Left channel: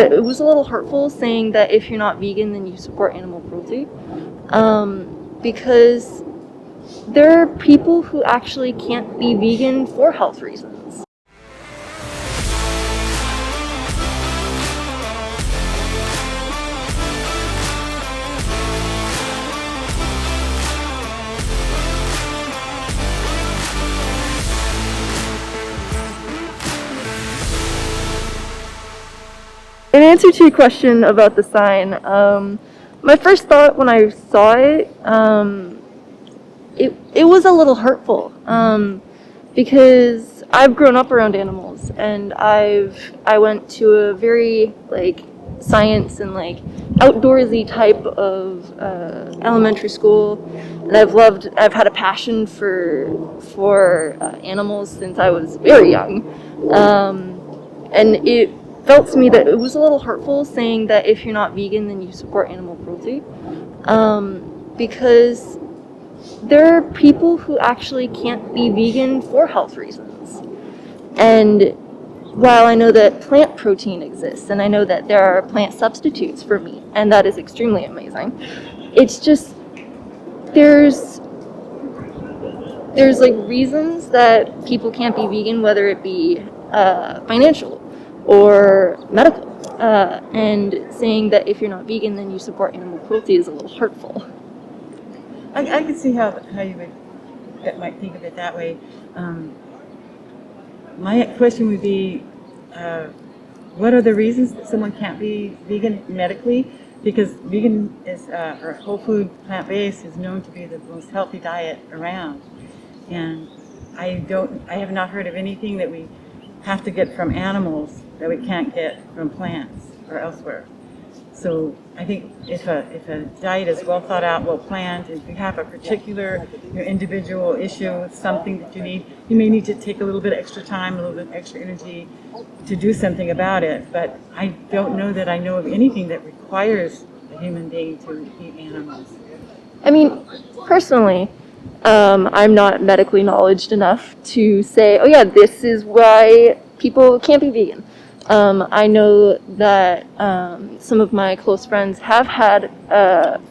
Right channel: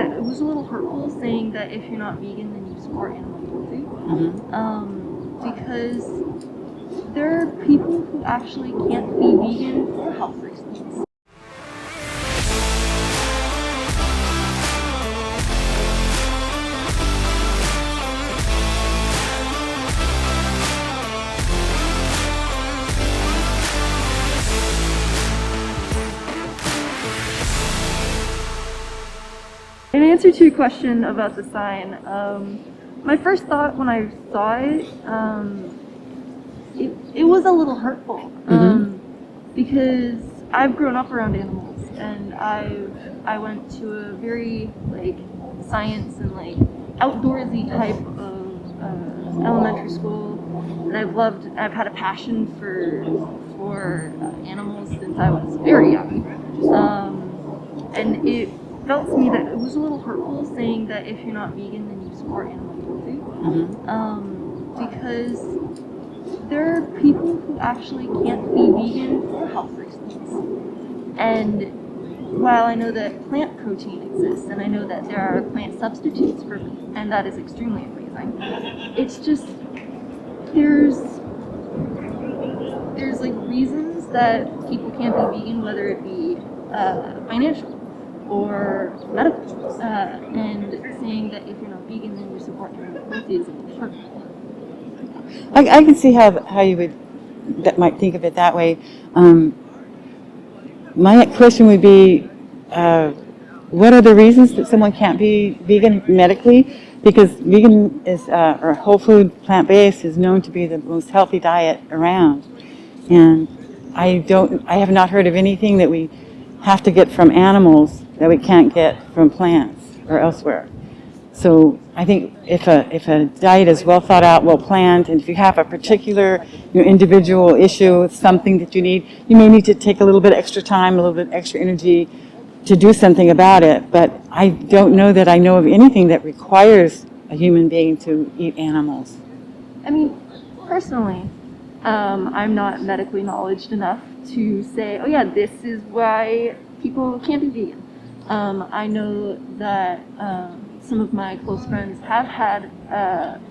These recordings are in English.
It was a little hurtful saying that if you're not vegan, then you support animal cruelty. Because there are people who actually can't be vegan for health reasons. In answer to your question about the sign, my first thought when I saw it, it was a little hurtful, because I've grown up around animals, and I went to a very science and outdoorsy type of elementary school, and I've had a passion for animals since I was very young, and it felt to me that it was a little hurtful saying that if you're not vegan, then you support animal cruelty, because there are people who actually can't be vegan for health reasons. And while I know that plant protein exists, and I know that there are plant substitutes for meat, and that is extremely amazing, it's just there's reasons that people can't be vegan, whether it be financial or medical, and saying that if you're not vegan, then you support animal cruelty is a little hurtful. I can see how you might think of it that way. My question would be, what are the reasons that someone can't be vegan medically? Because vegan is, or whole food, plant-based is known to be the most healthy diet around. And I have not heard of anything that we have to get from animals that we can't get from plants or elsewhere. So I think if a diet is well thought out, well planned, and if you have a particular individual issue, something that you need, you may need to take a little bit extra time, a little bit extra energy to do something about it. But I don't know that I know of anything that requires a human being to eat animals. I mean, personally, I'm not medically knowledgeable enough to say, oh yeah, this is why people can't be vegan. I know that some of my close friends have had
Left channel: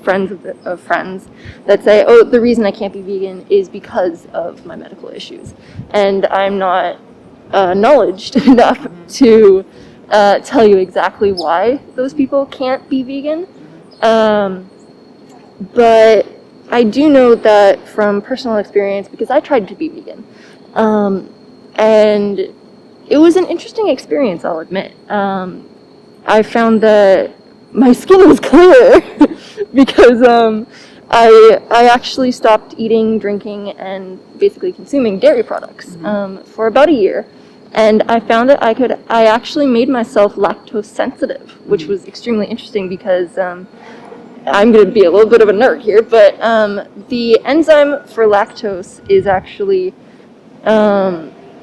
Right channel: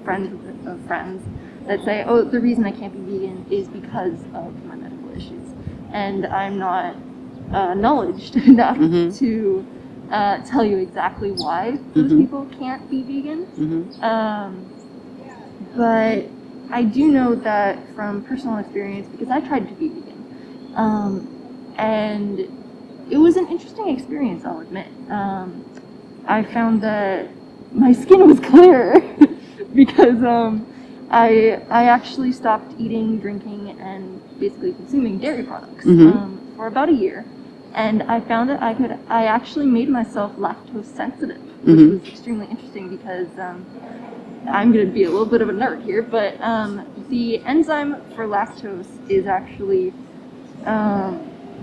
friends of friends that say, oh, the reason I can't be vegan is because of my medical issues. And I'm not knowledgeable enough to tell you exactly why those people can't be vegan. But I do know that from personal experience, because I tried to be vegan, and it was an interesting experience, I'll admit. I found that my skin was clearer because I actually stopped eating, drinking, and basically consuming dairy products for about a year. And I found that I actually made myself lactose sensitive, which was extremely interesting because I'm going to be a little bit of a nerd here, but the enzyme for lactose is actually,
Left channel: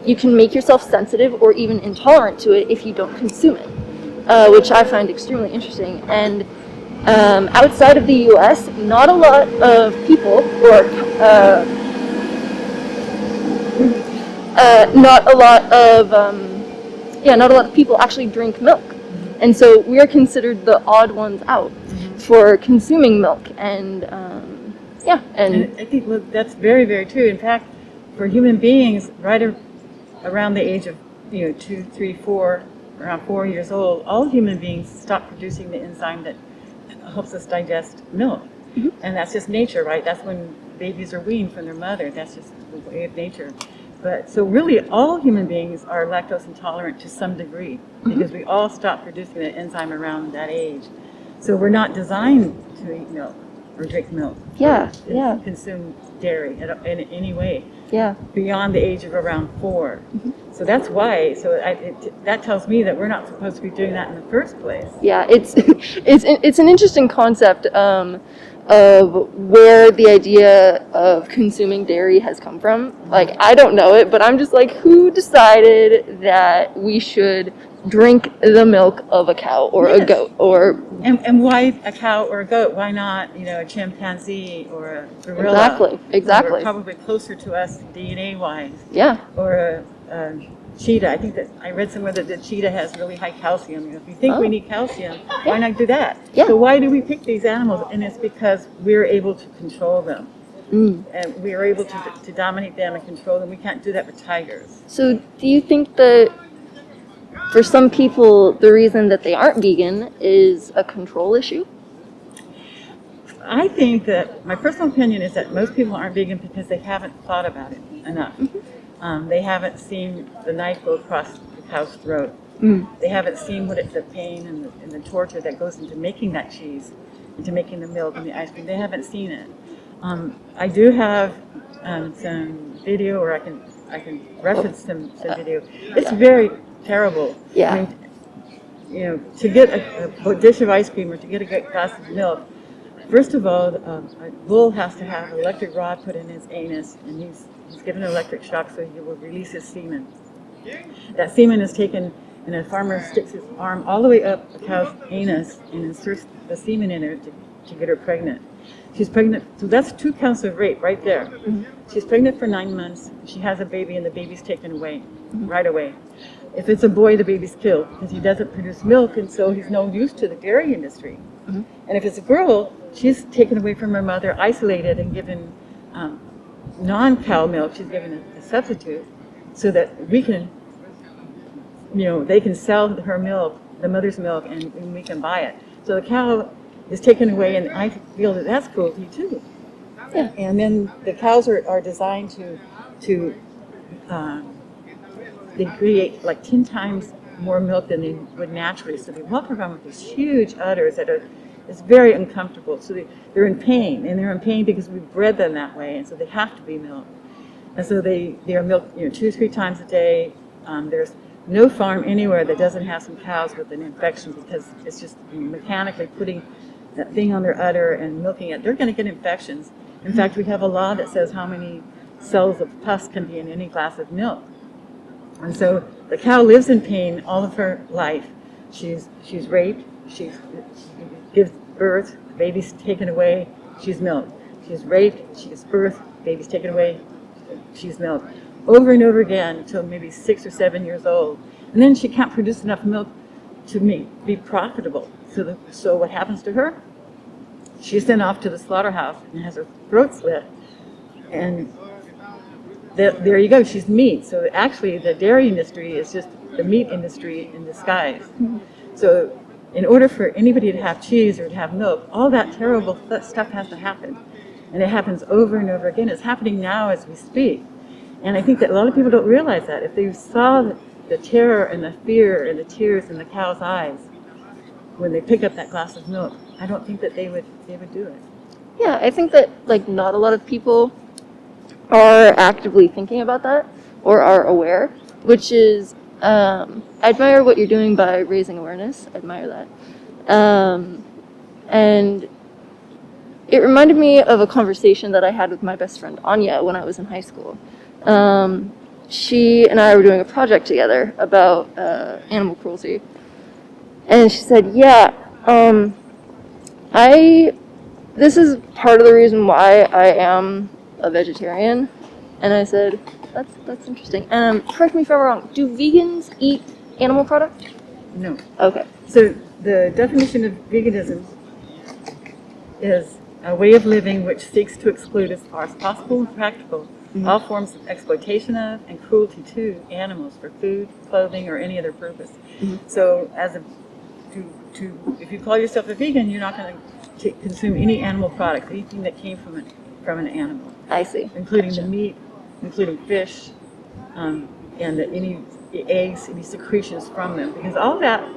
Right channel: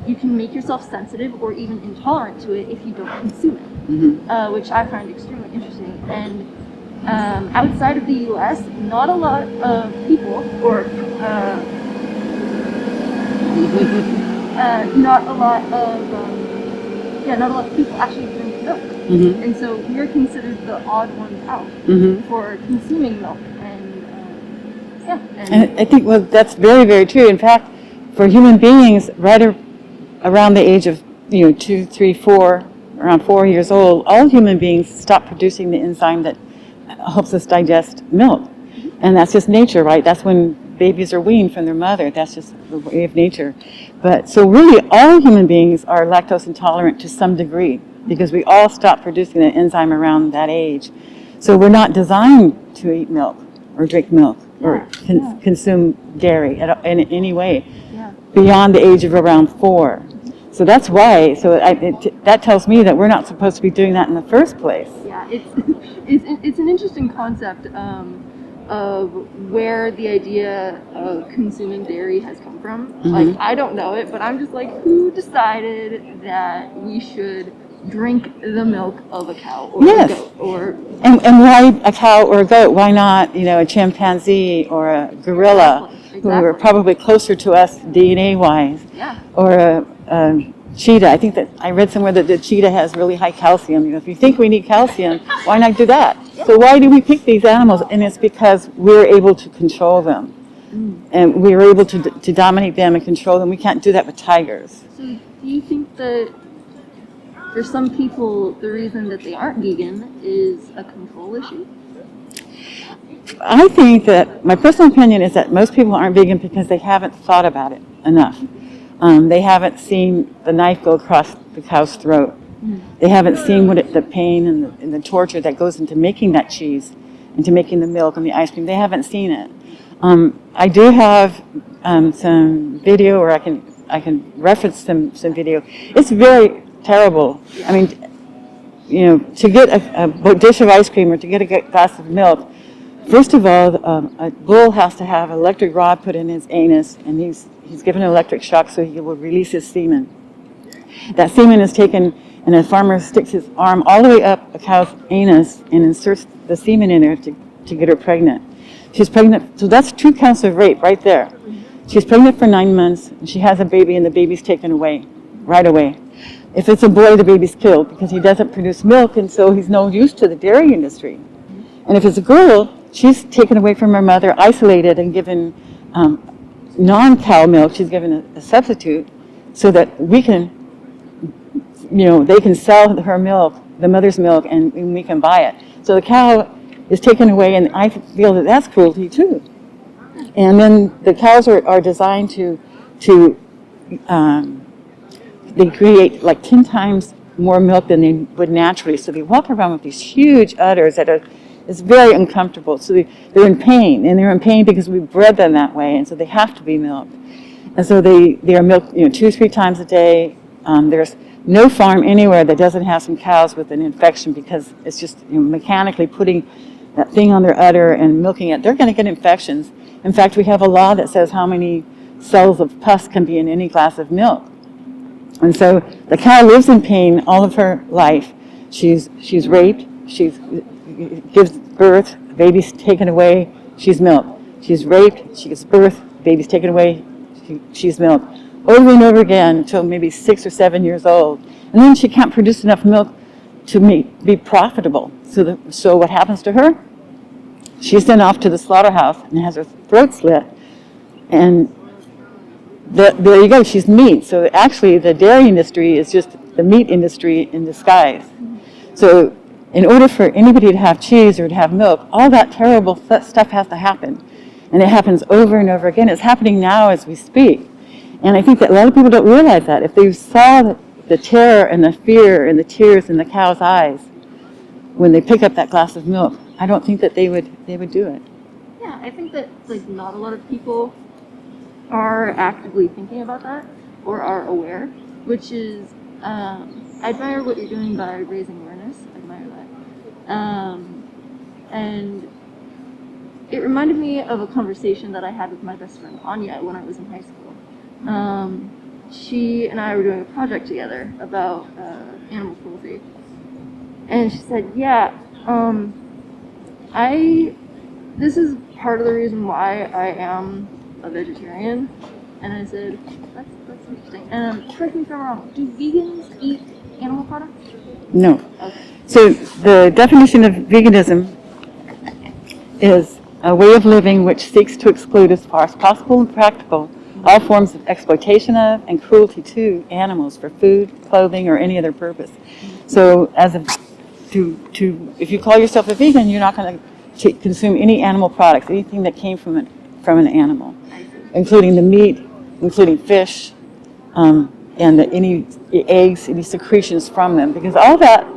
you can make yourself sensitive or even intolerant to it if you don't consume it, which I find extremely interesting. And outside of the US, not a lot of people, or not a lot of people actually drink milk. And so we are considered the odd ones out for consuming milk. And and I think, well, that's very, very true. In fact, for human beings, right around the age of 2, 3, 4, around 4 years old, all human beings stop producing the enzyme that helps us digest milk. And that's just nature, right? That's when babies are weaned from their mother. That's just the way of nature. But so really all human beings are lactose intolerant to some degree because we all stop producing the enzyme around that age. So we're not designed to eat milk or drink milk or consume dairy in any way beyond the age of around 4. So that's why. So that tells me that we're not supposed to be doing that in the first place. Yeah, it's an interesting concept of where the idea of consuming dairy has come from. Like, I don't know it, but I'm just like, who decided that we should drink the milk of a cow or a goat? Or and why a cow or a goat? Why not a chimpanzee or a gorilla? Exactly. Who are probably closer to us DNA wise. Yeah. Or a cheetah. I think that I read somewhere that the cheetah has really high calcium. If you think we need calcium, why not do that? Yeah. So why do we pick these animals? And it's because we're able to control them. And we're able to dominate them and control them. We can't do that with tigers. So do you think that for some people, the reason that they aren't vegan is a control issue? I think that my personal opinion is that most people aren't vegan because they haven't thought about it enough. They haven't seen the knife go across the cow's throat. They haven't seen the pain and the torture that goes into making that cheese, into making the milk and the ice cream. They haven't seen it. I do have some video, or I can reference some video. It's very terrible. Yeah. I mean, to get a dish of ice cream or to get a glass of milk, first of all, a bull has to have an electric rod put in his anus, and he's given an electric shock so he will release his semen. That semen is taken, and a farmer sticks his arm all the way up a cow's anus and inserts the semen in her to get her pregnant. She's pregnant, so that's 2 counts of rape right there. She's pregnant for 9 months, and she has a baby, and the baby's taken away right away. If it's a boy, the baby's killed because he doesn't produce milk, and so he's no use to the dairy industry. And if it's a girl, she's taken away from her mother, isolated, and given non-cow milk. She's given a substitute so that we can, they can sell her milk, the mother's milk, and we can buy it. So the cow is taken away, and I feel that that's cruelty too. Yeah. And then the cows are designed to they create like 10 times more milk than they would naturally. So they walk around with these huge udders that it's very uncomfortable. So they're in pain, and they're in pain because we bred them that way, and so they have to be milked. And so they are milked 2-3 times a day. There's no farm anywhere that doesn't have some cows with an infection because it's just mechanically putting that thing on their udder and milking it. They're going to get infections. In fact, we have a law that says how many cells of pus can be in any glass of milk. And so the cow lives in pain all of her life. She's raped. She gives birth. The baby's taken away. She's milked. She's raped. She gives birth. The baby's taken away. She's milked. Over and over again until maybe 6 or 7 years old. And then she can't produce enough milk to be profitable. So what happens to her? She's sent off to the slaughterhouse and has her throat slit. And there you go, she's meat. So actually the dairy industry is just the meat industry in disguise. So in order for anybody to have cheese or to have milk, all that terrible stuff has to happen. And it happens over and over again. It's happening now as we speak. And I think that a lot of people don't realize that. If they saw the terror and the fear and the tears in the cow's eyes when they pick up that glass of milk, I don't think that they would do it. Yeah, I think that not a lot of people are actively thinking about that or are aware, which is, I admire what you're doing by raising awareness. I admire that. And it reminded me of a conversation that I had with my best friend Anya when I was in high school. She and I were doing a project together about animal cruelty. And she said, this is part of the reason why I am a vegetarian. And I said, that's interesting. Correct me if I'm wrong, do vegans eat animal products? No. Okay. So the definition of veganism is a way of living which seeks to exclude as far as possible and practical all forms of exploitation of and cruelty to animals for food, clothing, or any other purpose. So if you call yourself a vegan, you're not going to consume any animal products, anything that came from an animal. I see. Including the meat, including fish, and any eggs, any secretions from them. Because all that,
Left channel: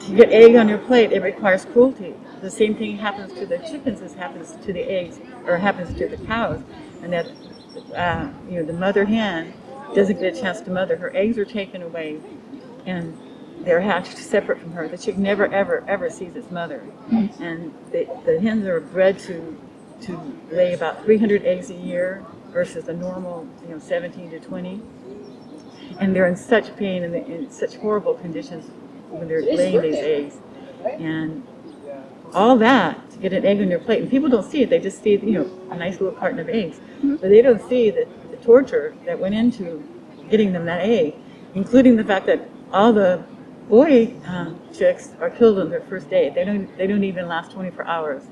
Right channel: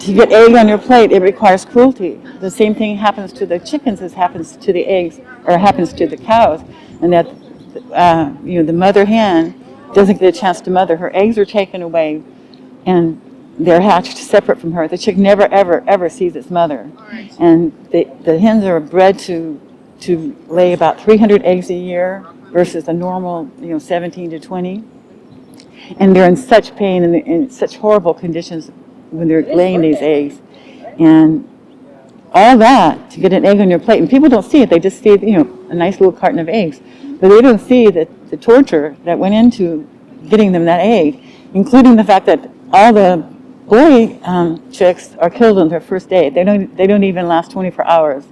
to get egg on your plate, it requires cruelty. The same thing happens to the chickens as happens to the eggs, or happens to the cows. And that, the mother hen doesn't get a chance to mother. Her eggs are taken away, and they're hatched separate from her. The chick never, ever, ever sees its mother. Nice. And the hens are bred to lay about 300 eggs a year versus a normal, 17 to 20. And they're in such pain and in such horrible conditions when they're laying these eggs. And all that to get an egg on your plate. And people don't see it. They just see, a nice little carton of eggs. But they don't see the torture that went into getting them that egg. including the fact that all the boy chicks are killed on their first day. They don't even last 24 hours.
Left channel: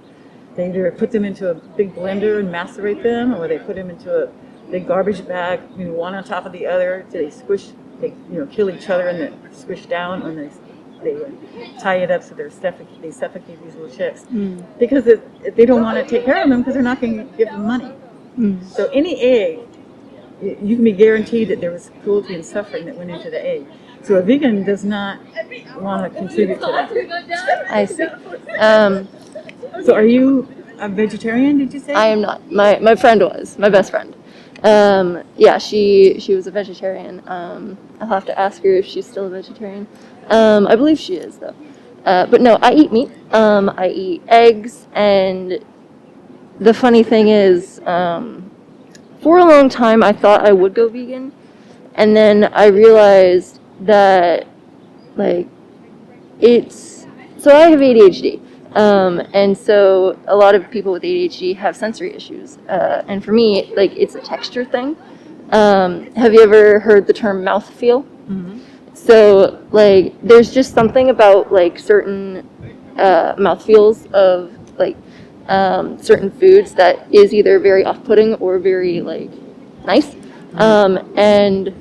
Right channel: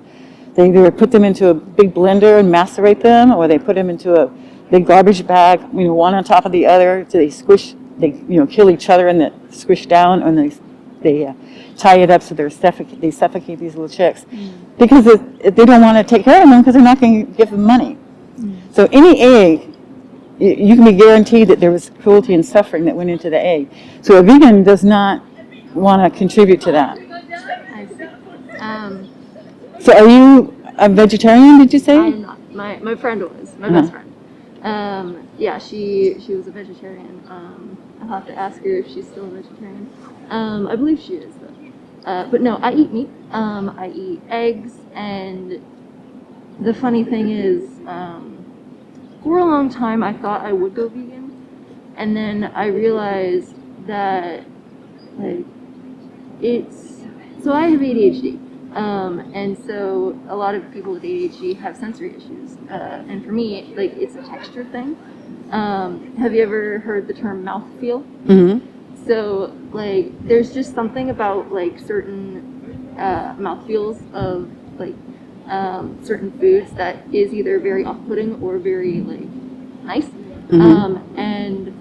They either put them into a big blender and macerate them, or they put them into a big garbage bag, one on top of the other, so they kill each other and they squish down, and they tie it up so they suffocate these little chicks. Because they don't want to take care of them because they're not going to give them money. So any egg, you can be guaranteed that there was cruelty and suffering that went into the egg. So a vegan does not want to contribute to that. I see. So are you a vegetarian, did you say? I am not. My friend was, my best friend. Yeah, she was a vegetarian. I'll have to ask her if she's still a vegetarian. I believe she is, though. But no, I eat meat. I eat eggs, and the funny thing is, for a long time I thought I would go vegan, and then I realized that, so I have ADHD. And so a lot of people with ADHD have sensory issues. And for me, it's a texture thing. Have you ever heard the term mouthfeel? Mm-hmm. So, there's just something about, certain mouthfeels of, certain foods that is either very off-putting or very, nice. Mm-hmm. And,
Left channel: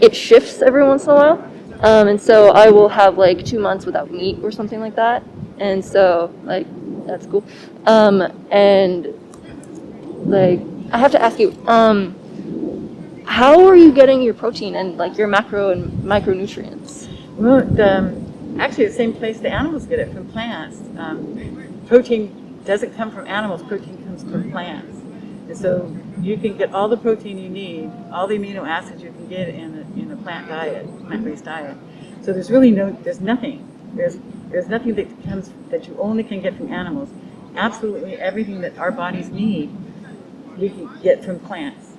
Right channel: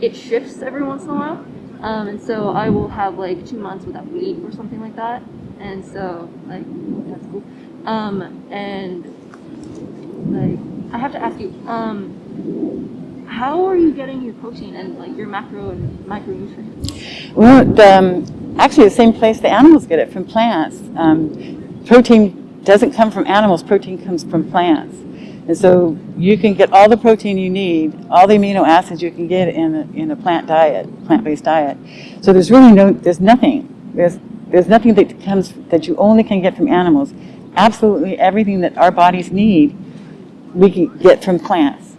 it shifts every once in a while. And so I will have, 2 months without meat or something like that. And so, that's cool. And, I have to ask you, how are you getting your protein and, your macro and micronutrients? Well, actually the same place the animals get it, from plants. Protein doesn't come from animals, protein comes from plants. And so you can get all the protein you need, all the amino acids you can get in a plant-based diet. So there's really there's nothing that you only can get from animals. Absolutely everything that our bodies need, we can get from plants.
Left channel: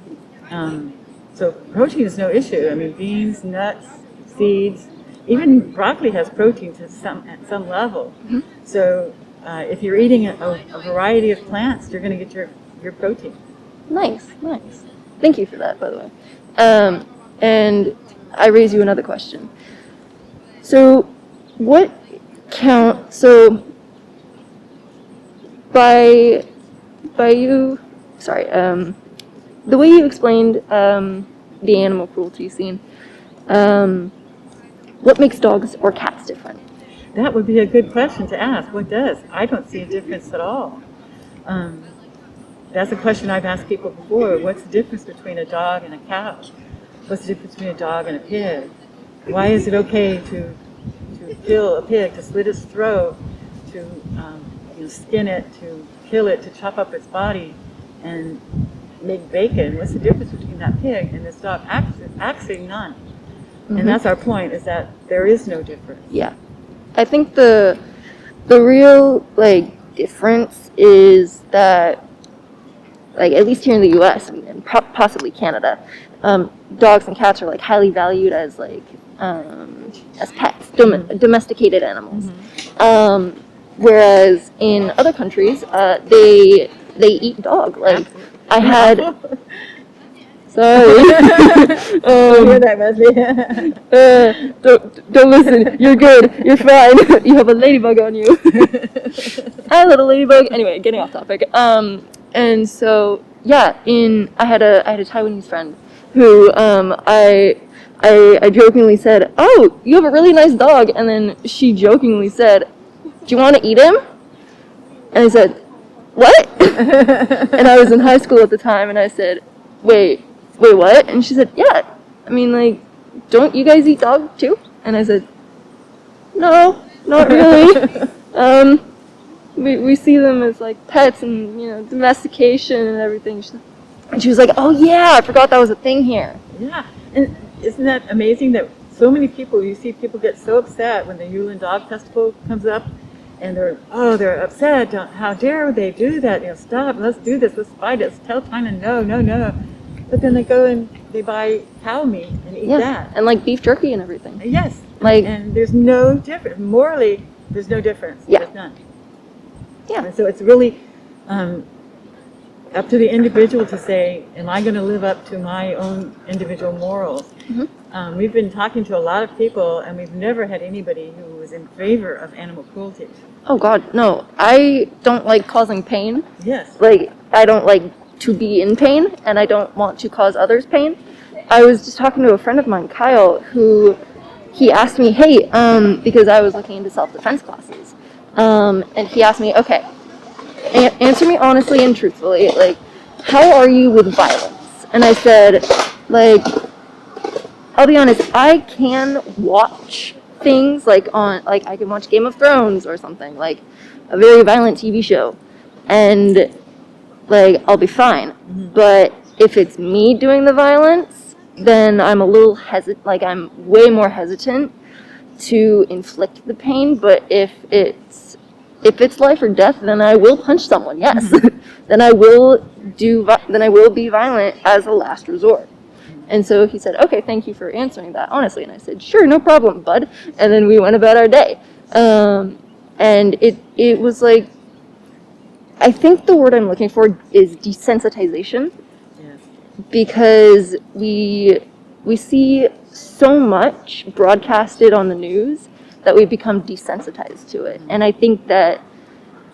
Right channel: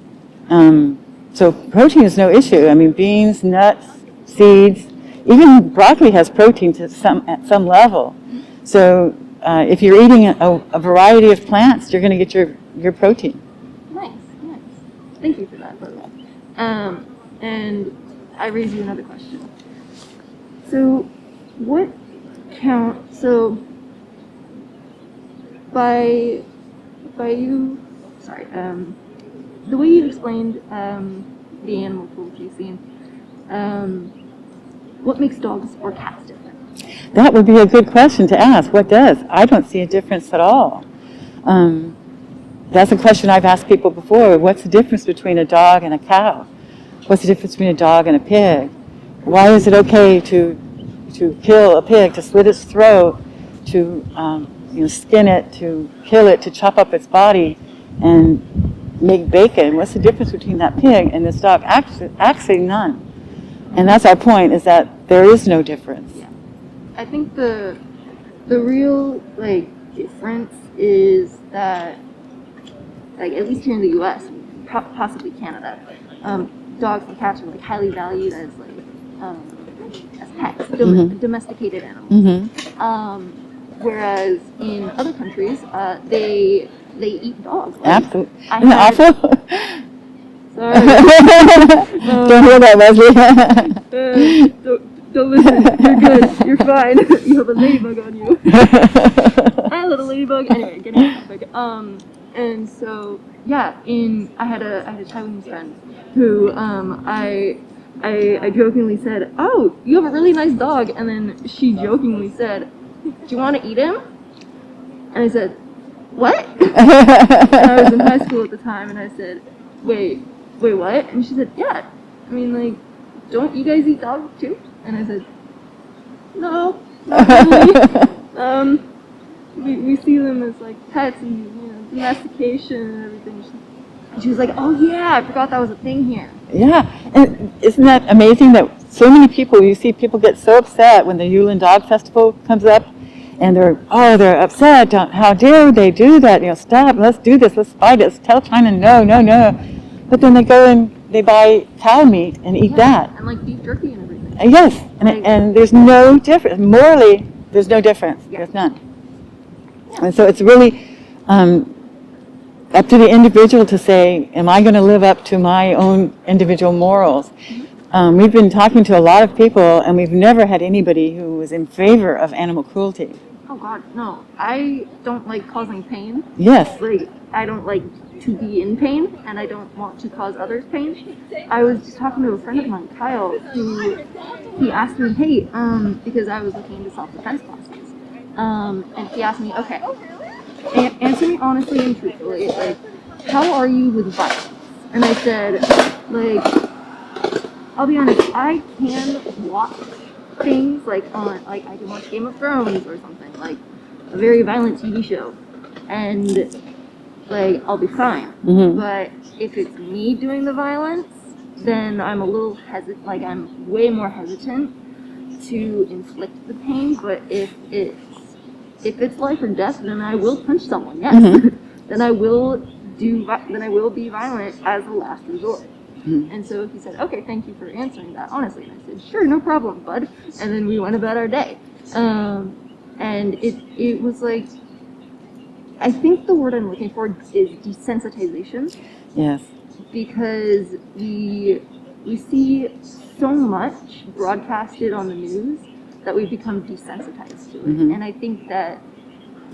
So protein is no issue. I mean, beans, nuts, seeds, even broccoli has protein at some level. Mm-hmm. So if you're eating a variety of plants, you're going to get your protein. Nice. Thank you for that, by the way. And I raise you another question. So the way you explained the animal cruelty scene, what makes dogs or cats different? That would be a good question to ask. What does? I don't see a difference at all. That's a question I've asked people before. What's the difference between a dog and a cow? What's the difference between a dog and a pig? Why is it okay to kill a pig, to slit its throat, to skin it, to kill it, to chop up its body and make bacon? What's the difference between that pig and this dog? Actually none. Mm-hmm. And that's our point, is that there is no difference. Yeah. I think the real difference is that, at least here in the U.S. and possibly Canada, dogs and cats are highly valued as pets, domesticated animals. Mm-hmm. Whereas in other countries, they eat dog. Absolutely. I had. Sorry. Don't hear that, Leslie. Don't listen. You're good. You're fine. You have a ladybug on you. Hi, little ladybug. Anyway, getting off topic. And so I had a Taiwanese friend who I jokingly said, "Oh, you have a really nice dog," and then she jokingly said, "Do you want to eat him?" And I said, "What?" And I was in high school at the time, and I said, Wait, what? And she said, "Yeah. I mean, don't you guys eat dog too?" And I said, "No, not really. We see them as pets and domestication and everything." And she was like, "Oh yeah, I forgot that was a thing here." Yeah, and isn't that amazing that so many people, you see people get so upset when the Yulin Dog Festival comes up, and they're upset. How dare they do that? Stop. Let's do this. Let's fight it. Let's tell China no. But then they go and they buy cow meat and eat that. And beef jerky and everything. Yes, and there's no difference. Morally, there's no difference. Yeah. There's none. Yeah. And so it's really up to the individual to say, am I going to live up to my own individual morals? Mm-hmm. we've been talking to a lot of people, and we've never had anybody who was in favor of animal cruelty. Oh God, no. I don't like causing pain. Yes. Like, I don't like to be in pain, and I don't want to cause others pain. I was just talking to a friend of mine, Kyle, who he asked me, hey, because I was looking into self-defense classes, and he asked me, okay, answer me honestly and truthfully, like, how are you with violence? And I said, like, I'll be honest, I can watch things like I can watch Game of Thrones or something, like a very violent TV show, and like I'll be fine. Mm-hmm. But if it's me doing the violence, then I'm a little hesitant, like I'm way more hesitant to inflict the pain. But if it's life or death, then I will punch someone, yes. Mm-hmm. Then I will be violent as a last resort. And so he said, okay, thank you for answering that honestly. And I said, sure, no problem, bud. And then we went about our day. And it was like, I think the word I'm looking for is desensitization. Yes. Because we see so much broadcasted on the news that we become desensitized to it. Mm-hmm. And I think that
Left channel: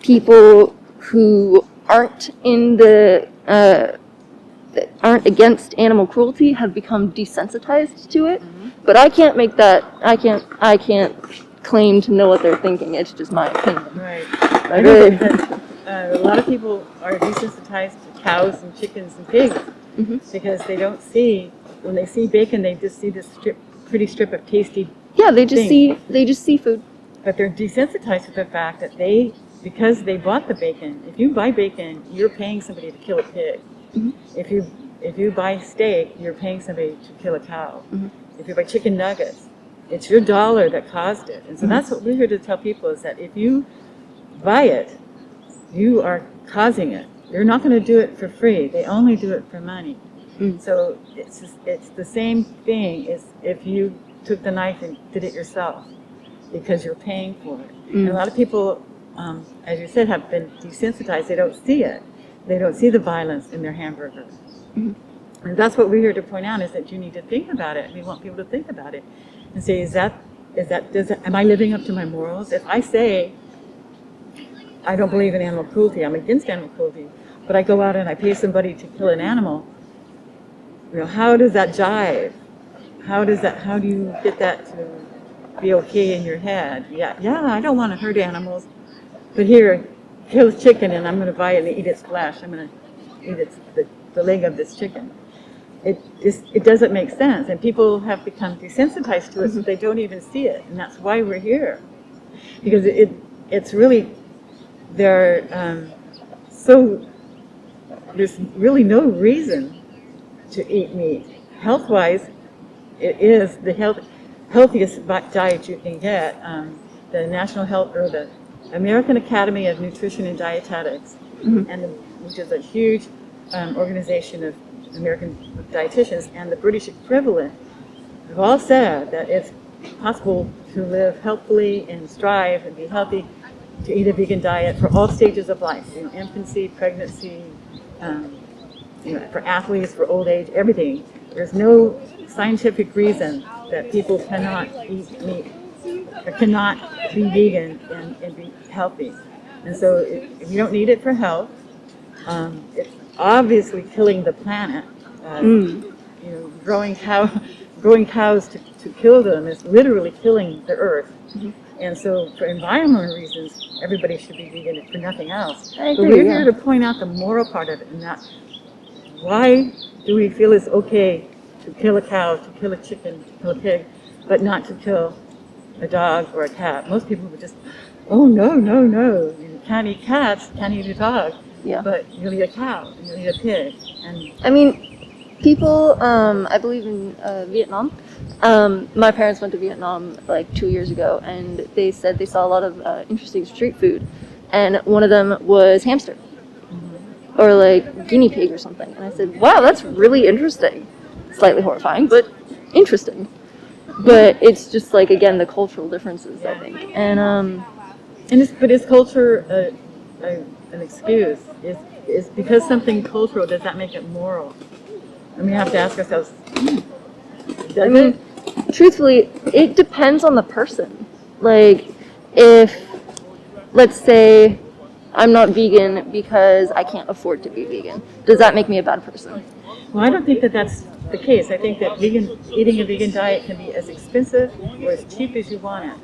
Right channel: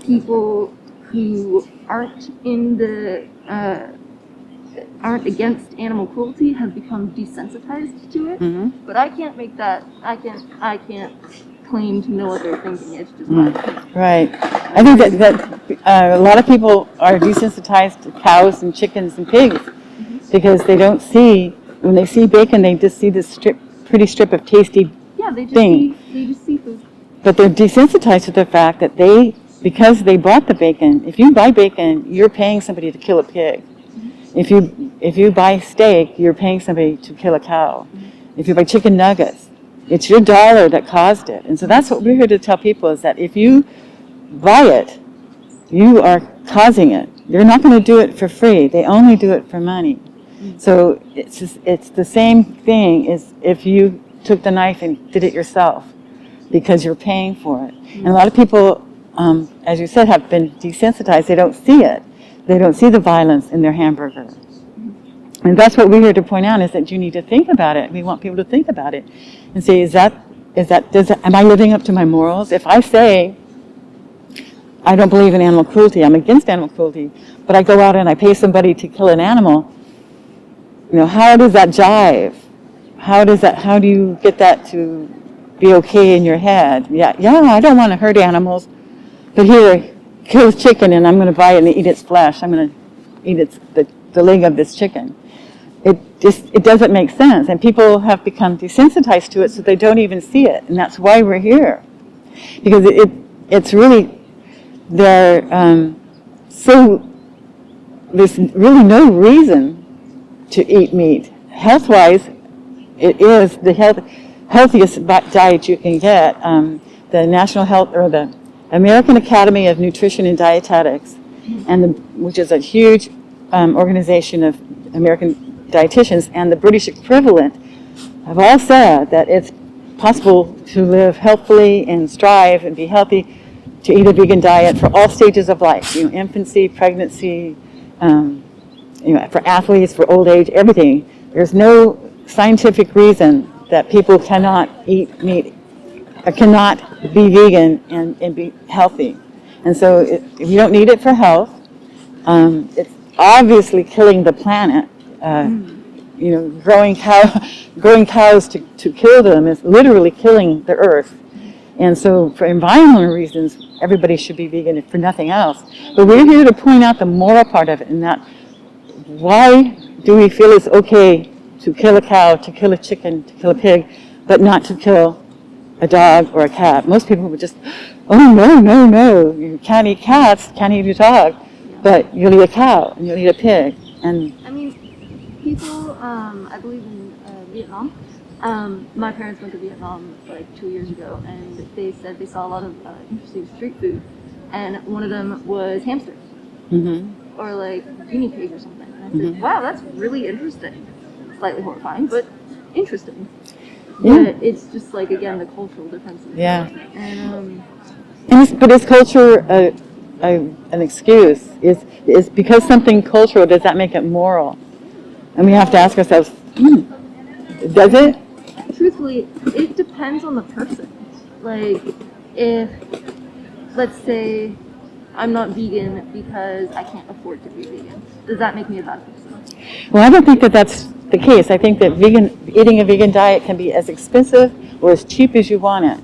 people who aren't in the that aren't against animal cruelty have become desensitized to it. Mm-hmm. But I can't make that. I can't claim to know what they're thinking. It's just my opinion. Right. I think that a lot of people are desensitized to cows and chickens and pigs because they don't see, when they see bacon, they just see this pretty strip of tasty. Yeah, they just see food. But they're desensitized to the fact that because they bought the bacon. If you buy bacon, you're paying somebody to kill a pig. If you buy steak, you're paying somebody to kill a cow. If you buy chicken nuggets, it's your dollar that caused it. And so that's what we're here to tell people, is that if you buy it, you are causing it. You're not going to do it for free. They only do it for money. So it's the same thing as if you took the knife and did it yourself because you're paying for it. And a lot of people, as you said, have been desensitized. They don't see it. They don't see the violence in their hamburger. And that's what we're here to point out, is that you need to think about it. We want people to think about it and say, am I living up to my morals? If I say, I don't believe in animal cruelty, I'm against animal cruelty, but I go out and I pay somebody to kill an animal, how does that jive? How do you get that to be okay in your head? Yeah, I don't want to hurt animals, but here, kill a chicken and I'm going to buy it and eat its flesh. I'm going to eat the leg of this chicken. It doesn't make sense, and people have become desensitized to it, so they don't even see it, and that's why we're here, because it's really there's really no reason to eat meat. Health-wise, it is the healthiest diet you can get. The National Health or the American Academy of Nutrition and Dietetics, which is a huge organization of American dietitians, and the British equivalent have all said that it's possible to live healthfully and strive and be healthy, to eat a vegan diet for all stages of life, infancy, pregnancy, for athletes, for old age, everything. There's no scientific reason that people cannot eat meat, or cannot be vegan and be healthy. And so if you don't need it for health, it's obviously killing the planet. Growing cows to kill them is literally killing the earth. And so for environmental reasons, everybody should be vegan for nothing else. But we're here to point out the moral part of it, and that why do we feel it's okay to kill a cow, to kill a chicken, to kill a pig, but not to kill a dog or a cat? Most people would just, oh, no, you can't eat cats, can't eat a dog, but you'll eat a cow, and you'll eat a pig. And I mean, people, I believe in Vietnam. My parents went to Vietnam like 2 years ago, and they said they saw a lot of interesting street food, and one of them was hamster, or like guinea pig or something. And I said, wow, that's really interesting. Slightly horrifying, but interesting. But it's just like, again, the cultural differences. Yeah. I think. And but is culture an excuse? Is because something cultural, does that make it moral? And we have to ask ourselves, does it? Truthfully, it depends on the person. Like, if, let's say, I'm not vegan because I can't afford to be vegan, does that make me a bad person? Well, I don't think that that's the case. I think that eating a vegan diet can be as expensive or as cheap as you want it.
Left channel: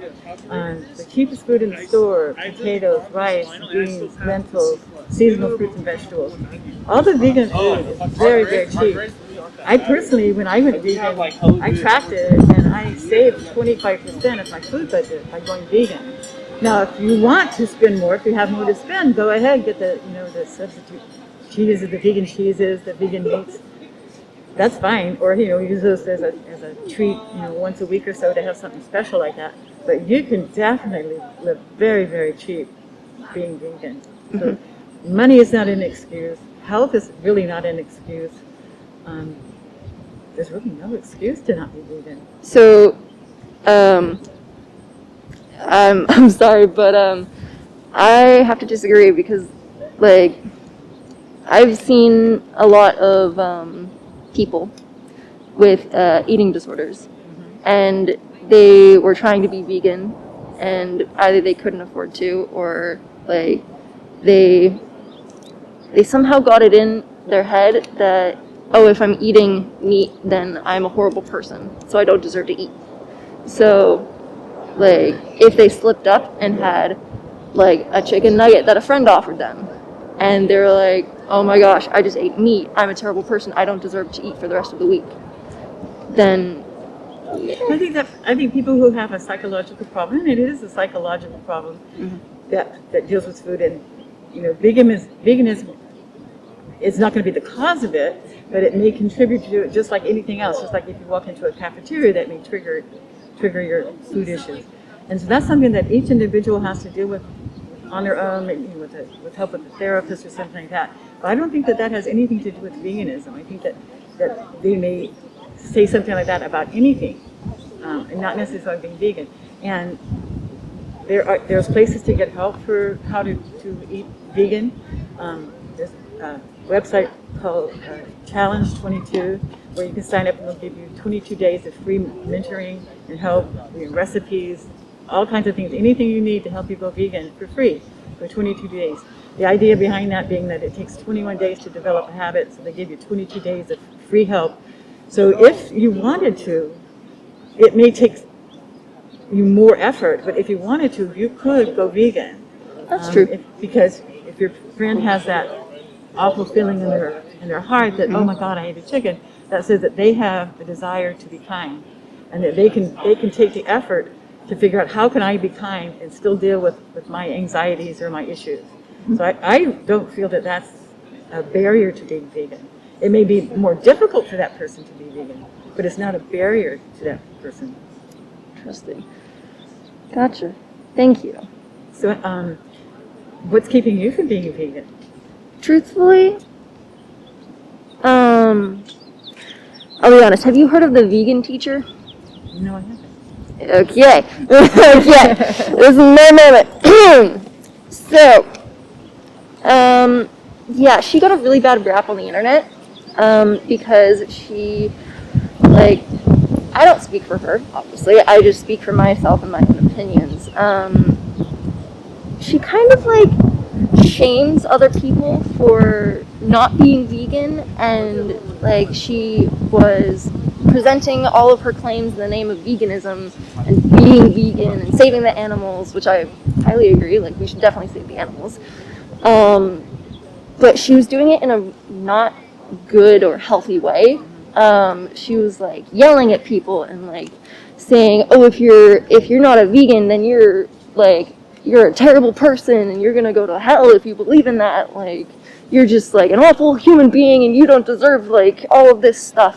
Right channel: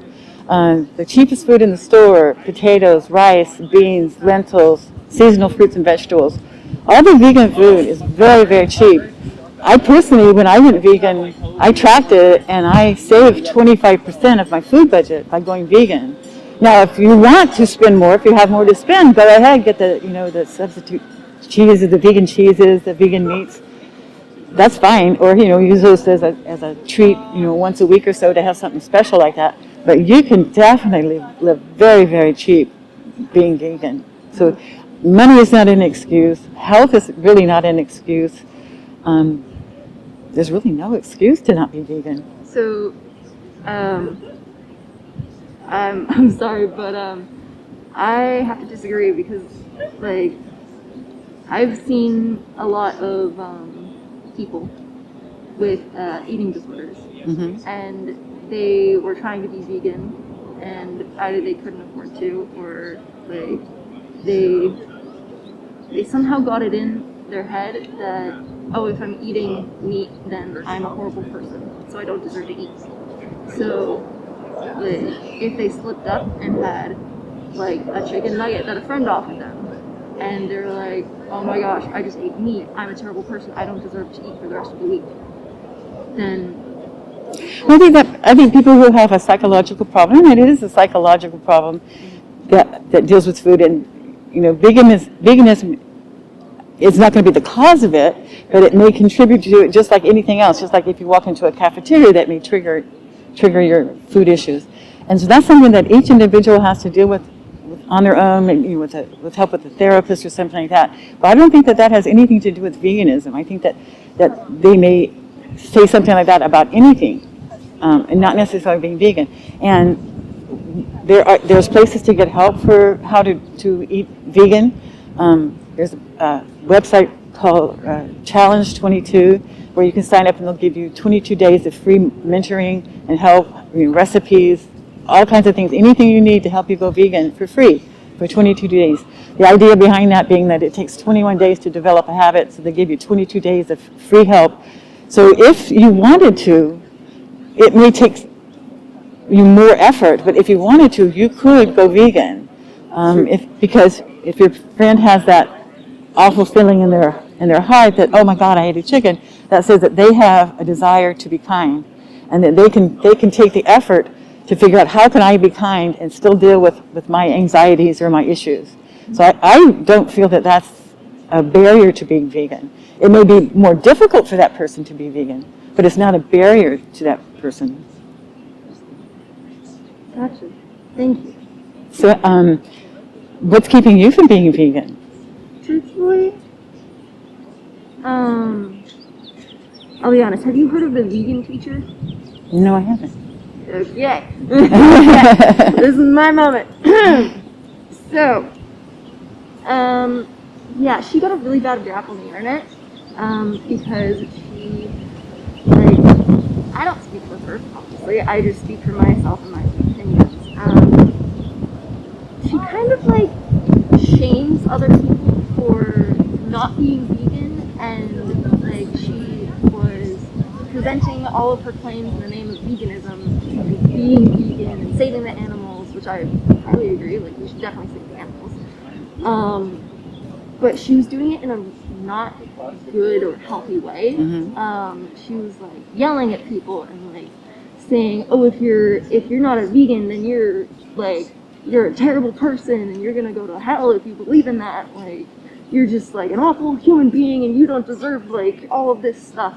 The cheapest food in the store, potatoes, rice, beans, lentils, seasonal fruits and vegetables. All the vegan food is very, very cheap. I personally, when I went vegan, I tracked it and I saved 25% of my food budget by going vegan. Now, if you want to spend more, if you have more to spend, go ahead, get the substitute cheeses, the vegan cheeses, the vegan meats. That's fine. Or, use those as a treat, once a week or so to have something special like that. But you can definitely live very, very cheap being vegan. So money is not an excuse. Health is really not an excuse. There's really no excuse to not be vegan. So, I'm sorry, but I have to disagree because, like, I've seen a lot of people with eating disorders, and they were trying to be vegan, and either they couldn't afford to, or like they somehow got it in their head that, oh, if I'm eating meat, then I'm a horrible person, so I don't deserve to eat. So, like, if they slipped up and had, like, a chicken nugget that a friend offered them, and they were like, oh my gosh, I just ate meat, I'm a terrible person, I don't deserve to eat for the rest of the week, then... I think people who have a psychological problem, and it is a psychological problem that deals with food, and, veganism is not going to be the cause of it, but it may contribute to it just like anything else, just like if you walk into a cafeteria that may trigger your food issues. And so that's something that each individual has to deal with on their own, maybe with help with a therapist or something like that. But I don't think that has anything to do with veganism. I think that they may say something like that about anything, and not necessarily being vegan. And there's places to get help for how to eat vegan. There's a website called Challenge 22, where you can sign up and they'll give you 22 days of free mentoring and help, recipes, all kinds of things, anything you need to help you go vegan for free for 22 days. The idea behind that being that it takes 21 days to develop a habit, so they give you 22 days of free help. So if you wanted to, it may take you more effort, but if you wanted to, you could go vegan. That's true. Because if your friend has that awful feeling in their heart that, oh my God, I ate a chicken, that says that they have a desire to be kind, and that they can take the effort to figure out how can I be kind and still deal with my anxieties or my issues. So I don't feel that that's a barrier to being vegan. It may be more difficult for that person to be vegan, but it's not a barrier to that person. Interesting. Gotcha. Thank you. So what's keeping you from being vegan? Truthfully, I'll be honest, have you heard of the vegan teacher? No, I haven't. Okay. There's no moment. So, yeah, she got a really bad rap on the internet, because she, like, I don't speak for her, obviously, I just speak for myself and my own opinions. She kind of, like, shames other people for not being vegan, and, like, she was presenting all of her claims in the name of veganism and being vegan and saving the animals, which I highly agree, like, we should definitely save the animals. But she was doing it in a not good or healthy way. She was, like, yelling at people and, like, saying, oh, if you're not a vegan, then you're a terrible person and you're gonna go to hell if you believe in that, like, you're just, like, an awful human being and you don't deserve, like, all of this stuff.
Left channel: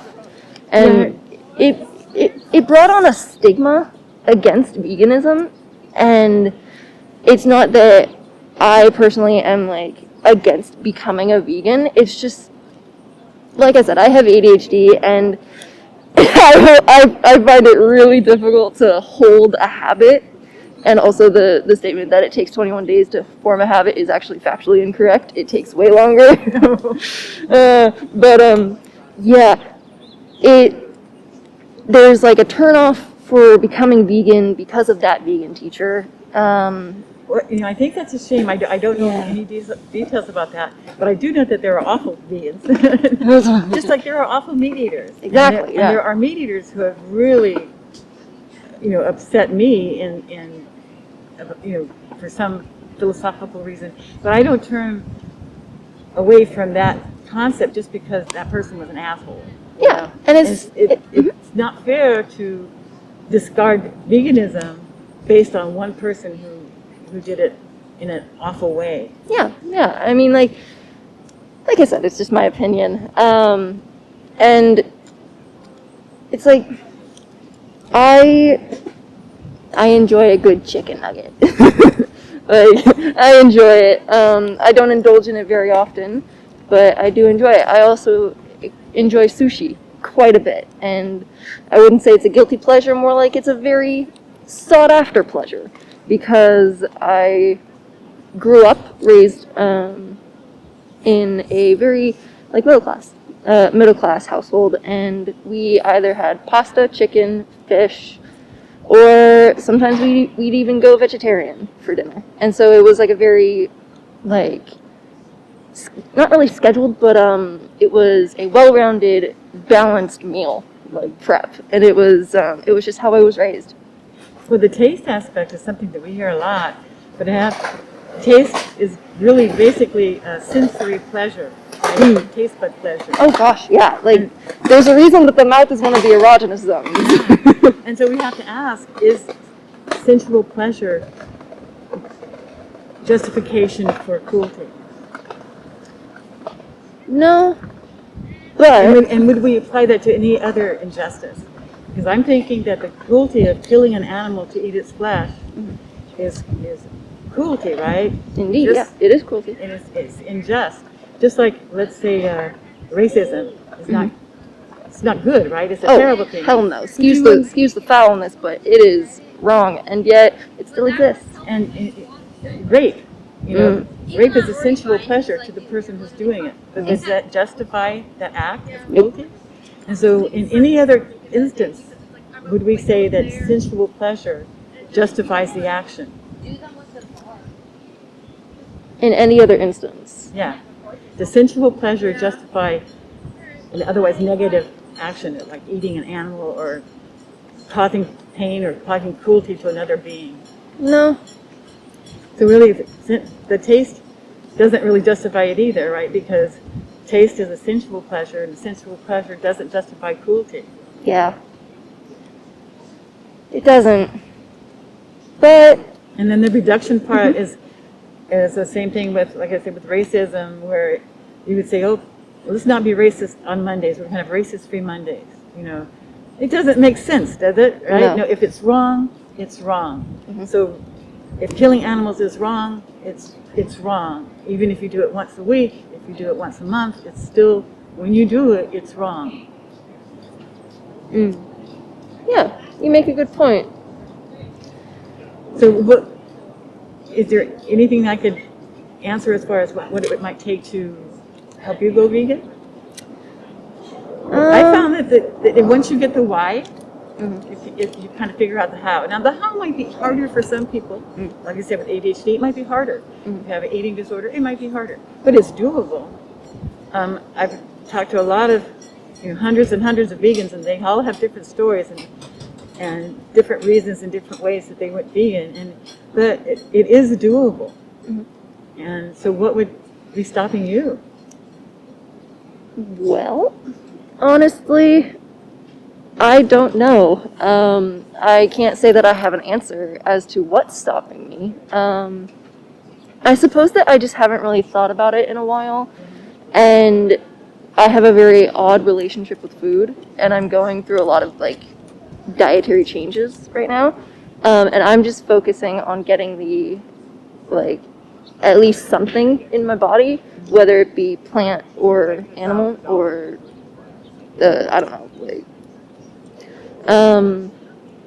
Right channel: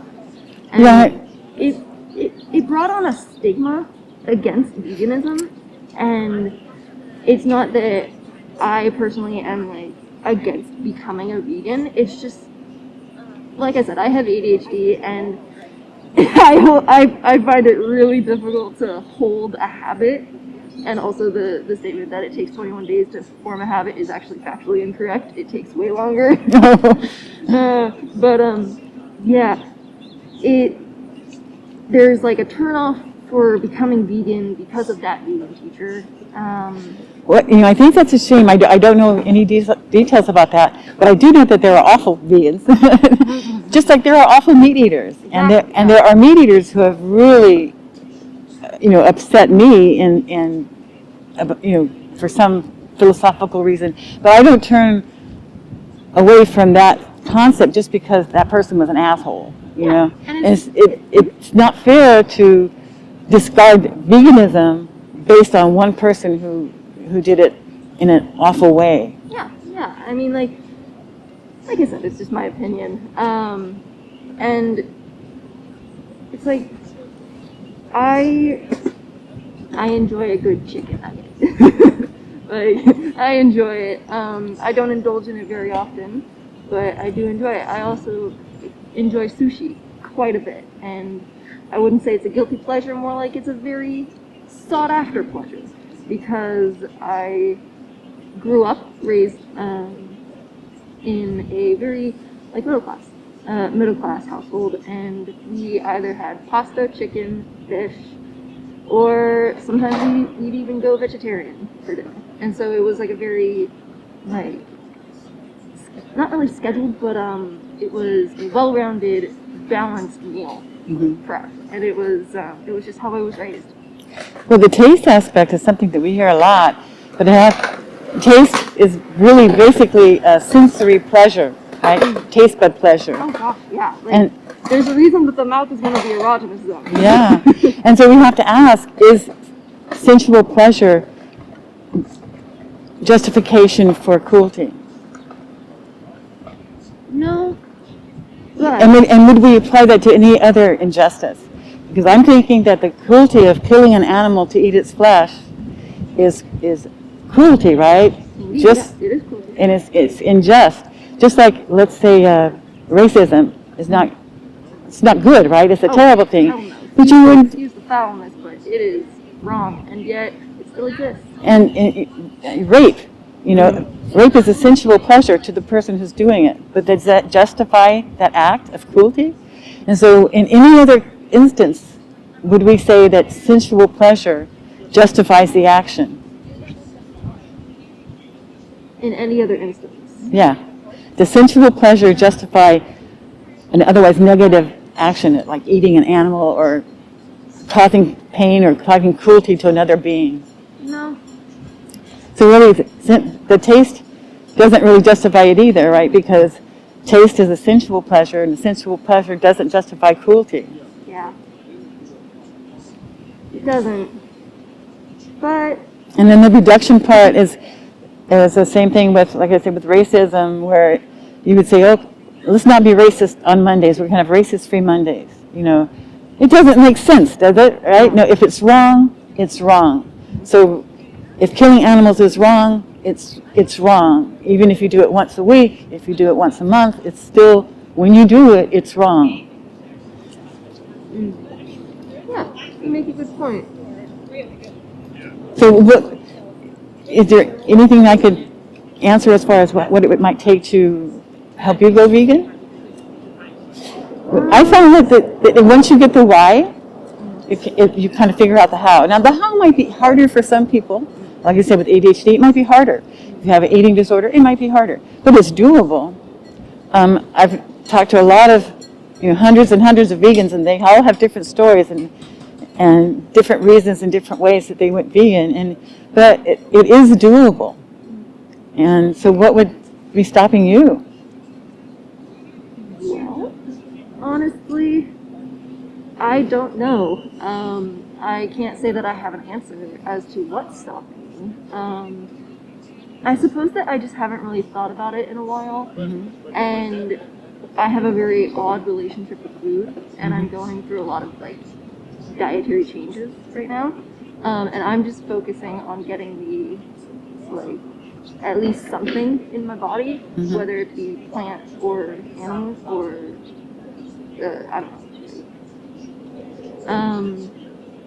And it brought on a stigma against veganism, and it's not that I personally am, like, against becoming a vegan. It's just, like I said, I have ADHD, and I find it really difficult to hold a habit. And also the statement that it takes 21 days to form a habit is actually factually incorrect. It takes way longer. Yeah, there's like a turnoff for becoming vegan because of that vegan teacher. What, I think that's a shame. I don't know any details about that, but I do know that there are awful vegans, just like there are awful meat eaters. Exactly, And there are meat eaters who have really, upset me and for some philosophical reason. But I don't turn away from that concept just because that person was an asshole. You know? And it's not fair to discard veganism based on one person who did it in an awful way. Yeah. I mean, like I said, it's just my opinion. And it's like, I enjoy a good chicken nugget. Like, I enjoy it. I don't indulge in it very often, but I do enjoy it. I also enjoy sushi quite a bit, and I wouldn't say it's a guilty pleasure, more like it's a very sought after pleasure, because I grew up, raised in a very middle class household, and we either had pasta, chicken, fish, or sometimes we'd even go vegetarian for dinner. And so it was like a very, not really scheduled, but it was a well-rounded, balanced meal prep, and it was just how I was raised. Well, the taste aspect is something that we hear a lot, but taste is really basically a sensory pleasure, right? Taste bud pleasure. Oh gosh, yeah. There's a reason that the mouth is one of the erogenous zones. Yeah, and so we have to ask: is sensual pleasure justification for cruelty? No. But And would we apply that to any other injustice? Because I'm thinking that the cruelty of killing an animal to eat its flesh is cruelty, right? Indeed, it is cruelty. And it's unjust. Just like, let's say, racism is not, it's not good, right? It's a terrible thing. Hell no. Excuse the foulness, but it is wrong, and yet it still exists. And rape, rape is a sensual pleasure to the person who's doing it. But does that justify that act of cruelty? And so in any other instance, would we say that sensual pleasure justifies the action? In any other instance? Yeah. Does sensual pleasure justify an otherwise negative action, like eating an animal or causing pain or causing cruelty to another being? No. So really, the taste doesn't really justify it either, right? Because taste is a sensual pleasure, and the sensual pleasure doesn't justify cruelty. Yeah. It doesn't. But... And then the reduction part is the same thing with, like I said, with racism, where you would say, oh, let's not be racist on Mondays. We're going to have racist-free Mondays. It doesn't make sense, does it? Right? No, if it's wrong, it's wrong. Mm-hmm. So if killing animals is wrong, it's wrong. Even if you do it once a week, if you do it once a month, it's still, when you do it, it's wrong. Yeah, you make a good point. So is there anything I could answer as far as what it might take to help you go vegan? I found that once you get the why, you kind of figure out the how. Now, the how might be harder for some people. Like I said, with ADHD, it might be harder. If you have an eating disorder, it might be harder. But it's doable. I've talked to a lot of, hundreds and hundreds of vegans, and they all have different stories and different reasons and different ways that they went vegan. But it is doable. And so what would be stopping you? Well, honestly, I don't know. I can't say that I have an answer as to what's stopping me. I suppose that I just haven't really thought about it in a while. And I have a very odd relationship with food, and I'm going through a lot of dietary changes right now. And I'm just focusing on getting at least something in my body, whether it be plant or animal or I don't know,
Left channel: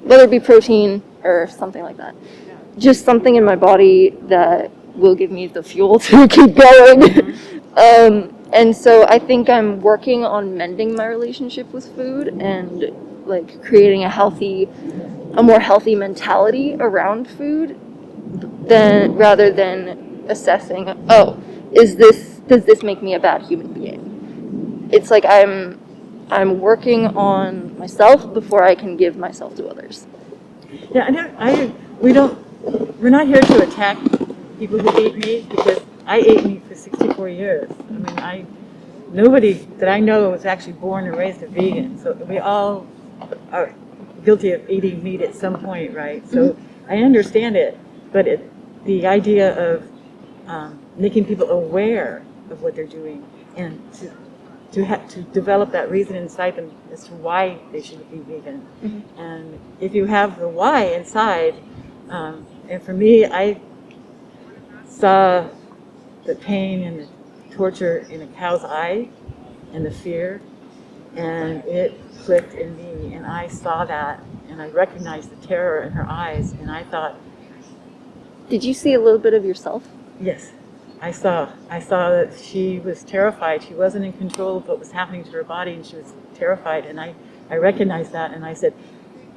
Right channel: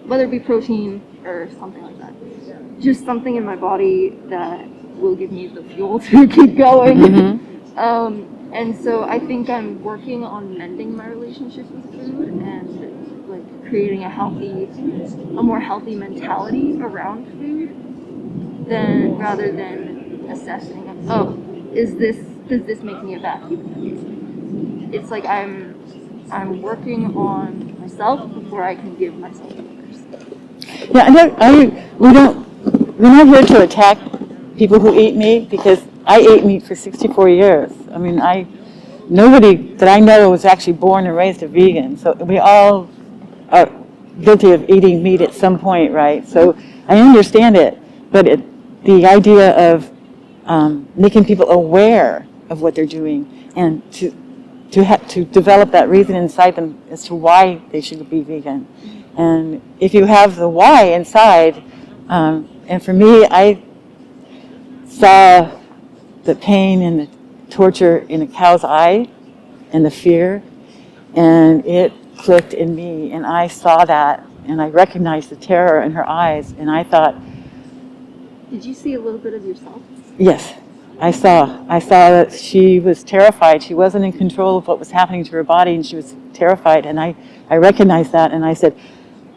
whether it be protein or something like that. Just something in my body that will give me the fuel to keep going. And so I think I'm working on mending my relationship with food and like creating a more healthy mentality around food than rather than assessing, oh, does this make me a bad human being? It's like I'm working on myself before I can give myself to others. Yeah, we're not here to attack people who eat meat because I ate meat for 64 years. I mean, nobody that I know was actually born and raised a vegan. So we all are guilty of eating meat at some point, right? So I understand it, but the idea of making people aware of what they're doing and to develop that reason inside them as to why they should be vegan. Mm-hmm. And if you have the why inside, and for me, I saw the pain and the torture in a cow's eye and the fear, and it clicked in me, and I saw that, and I recognized the terror in her eyes, and I thought... Did you see a little bit of yourself? Yes. I saw that she was terrified. She wasn't in control of what was happening to her body, and she was terrified. And I recognized that, and I said,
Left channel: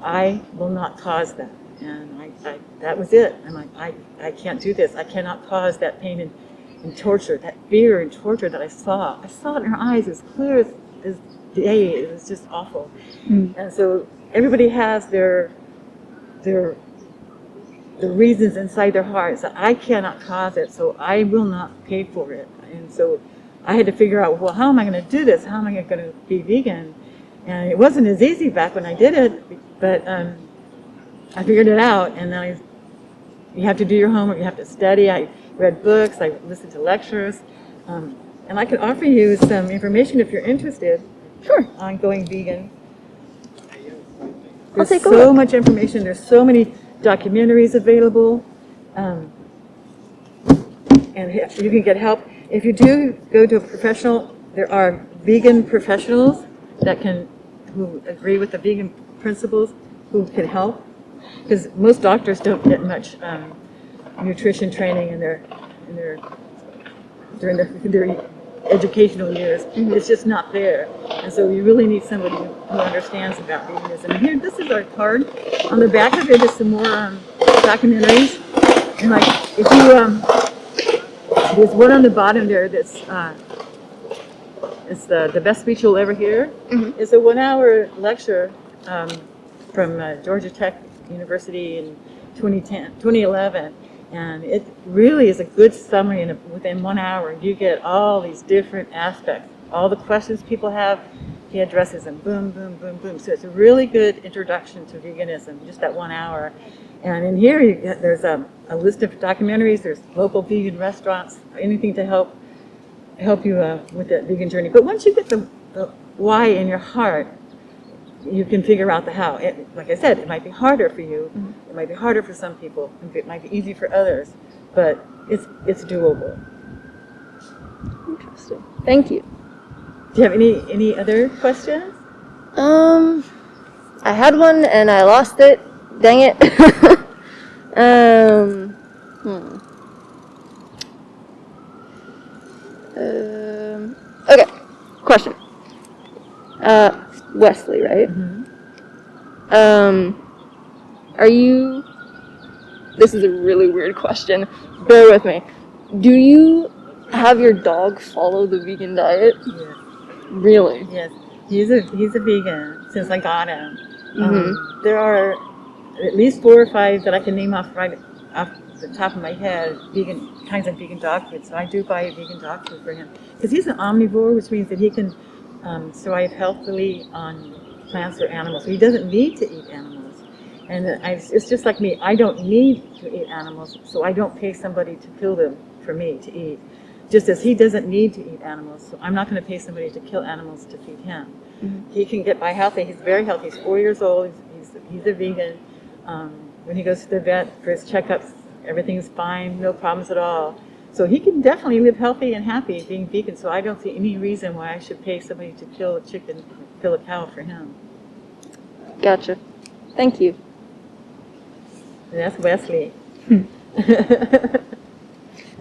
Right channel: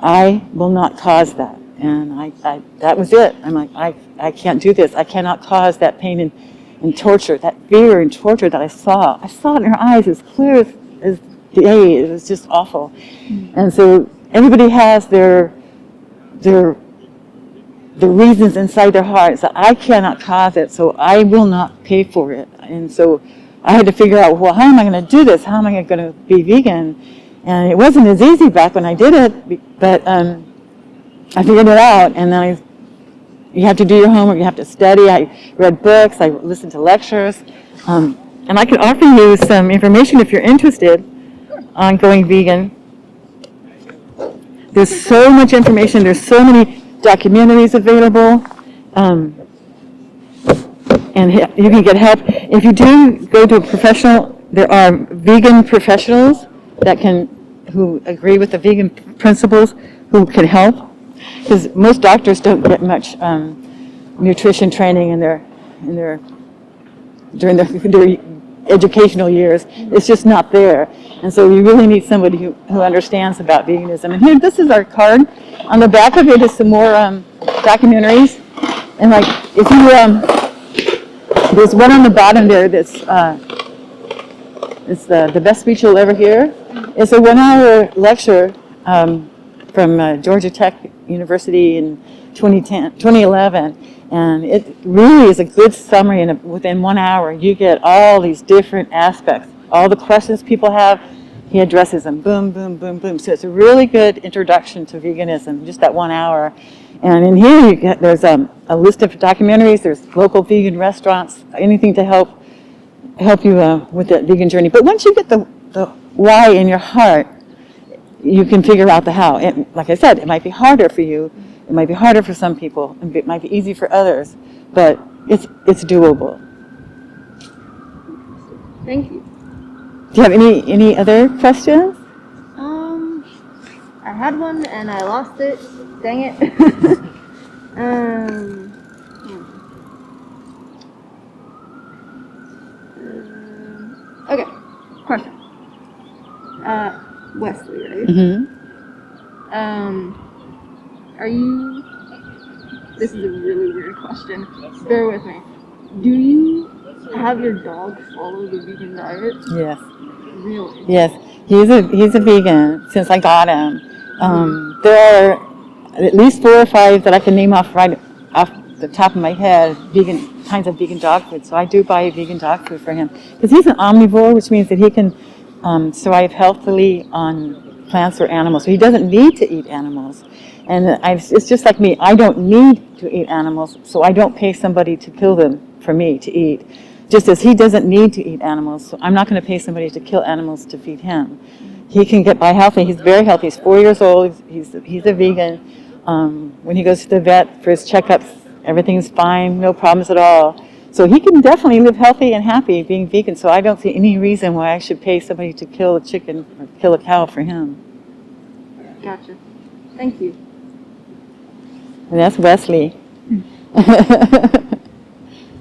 I will not cause that. And that was it. I'm like, I can't do this. I cannot cause that pain and torture, that fear and torture that I saw. I saw it in her eyes as clear as day. It was just awful. Mm. And so everybody has their the reasons inside their hearts that I cannot cause it, so I will not pay for it. And so I had to figure out, well, how am I going to do this? How am I going to be vegan? And it wasn't as easy back when I did it, but I figured it out. And then you have to do your homework, you have to study. I read books, I listened to lectures, and I can offer you some information if you're interested. Sure. On going vegan. There's so much information. There's so many documentaries available, and you can get help. If you do go to a professional, there are vegan professionals who agree with the vegan principles who can help, because most doctors don't get much nutrition training during their educational years. Mm-hmm. It's just not there. And so you really need somebody who understands about veganism. And here, this is our card. On the back of it is some more documentaries. And like, if you, there's one on the bottom there that's it's the best speech you'll ever hear. Mm-hmm. It's a 1-hour lecture from Georgia Tech University in 2011. And it really is a good summary, and within 1 hour you get all these different aspects. All the questions people have, he addresses them, boom, boom, boom, boom. So it's a really good introduction to veganism, just that 1 hour. And in here there's a list of documentaries, there's local vegan restaurants, anything to help you with that vegan journey. But once you get the why in your heart, you can figure out the how. And like I said, it might be harder for you. It might be harder for some people. It might be easy for others. But it's doable. Interesting. Thank you. Do you have any other questions? I had one and I lost it. Dang it. Okay. Question. Wesley, right? Mm-hmm. Are you... This is a really weird question. Bear with me. Do you have your dog follow the vegan diet? Yes. Really? Yes. He's a vegan since I got him. Mm-hmm. There are at least 4 or 5 that I can name off right off the top of my head, kinds of vegan dog food. So I do buy vegan dog food for him. Because he's an omnivore, which means that he can survive healthily on plants or animals. So he doesn't need to eat animals. And it's just like me. I don't need to eat animals, so I don't pay somebody to kill them for me to eat. Just as he doesn't need to eat animals, so I'm not going to pay somebody to kill animals to feed him. Mm-hmm. He can get by healthy. He's very healthy. He's 4 years old. He's a vegan. When he goes to the vet for his checkups, everything's fine, no problems at all. So he can definitely live healthy and happy being vegan. So I don't see any reason why I should pay somebody to kill a chicken or kill a cow for him. Gotcha. Thank you. And that's Wesley. And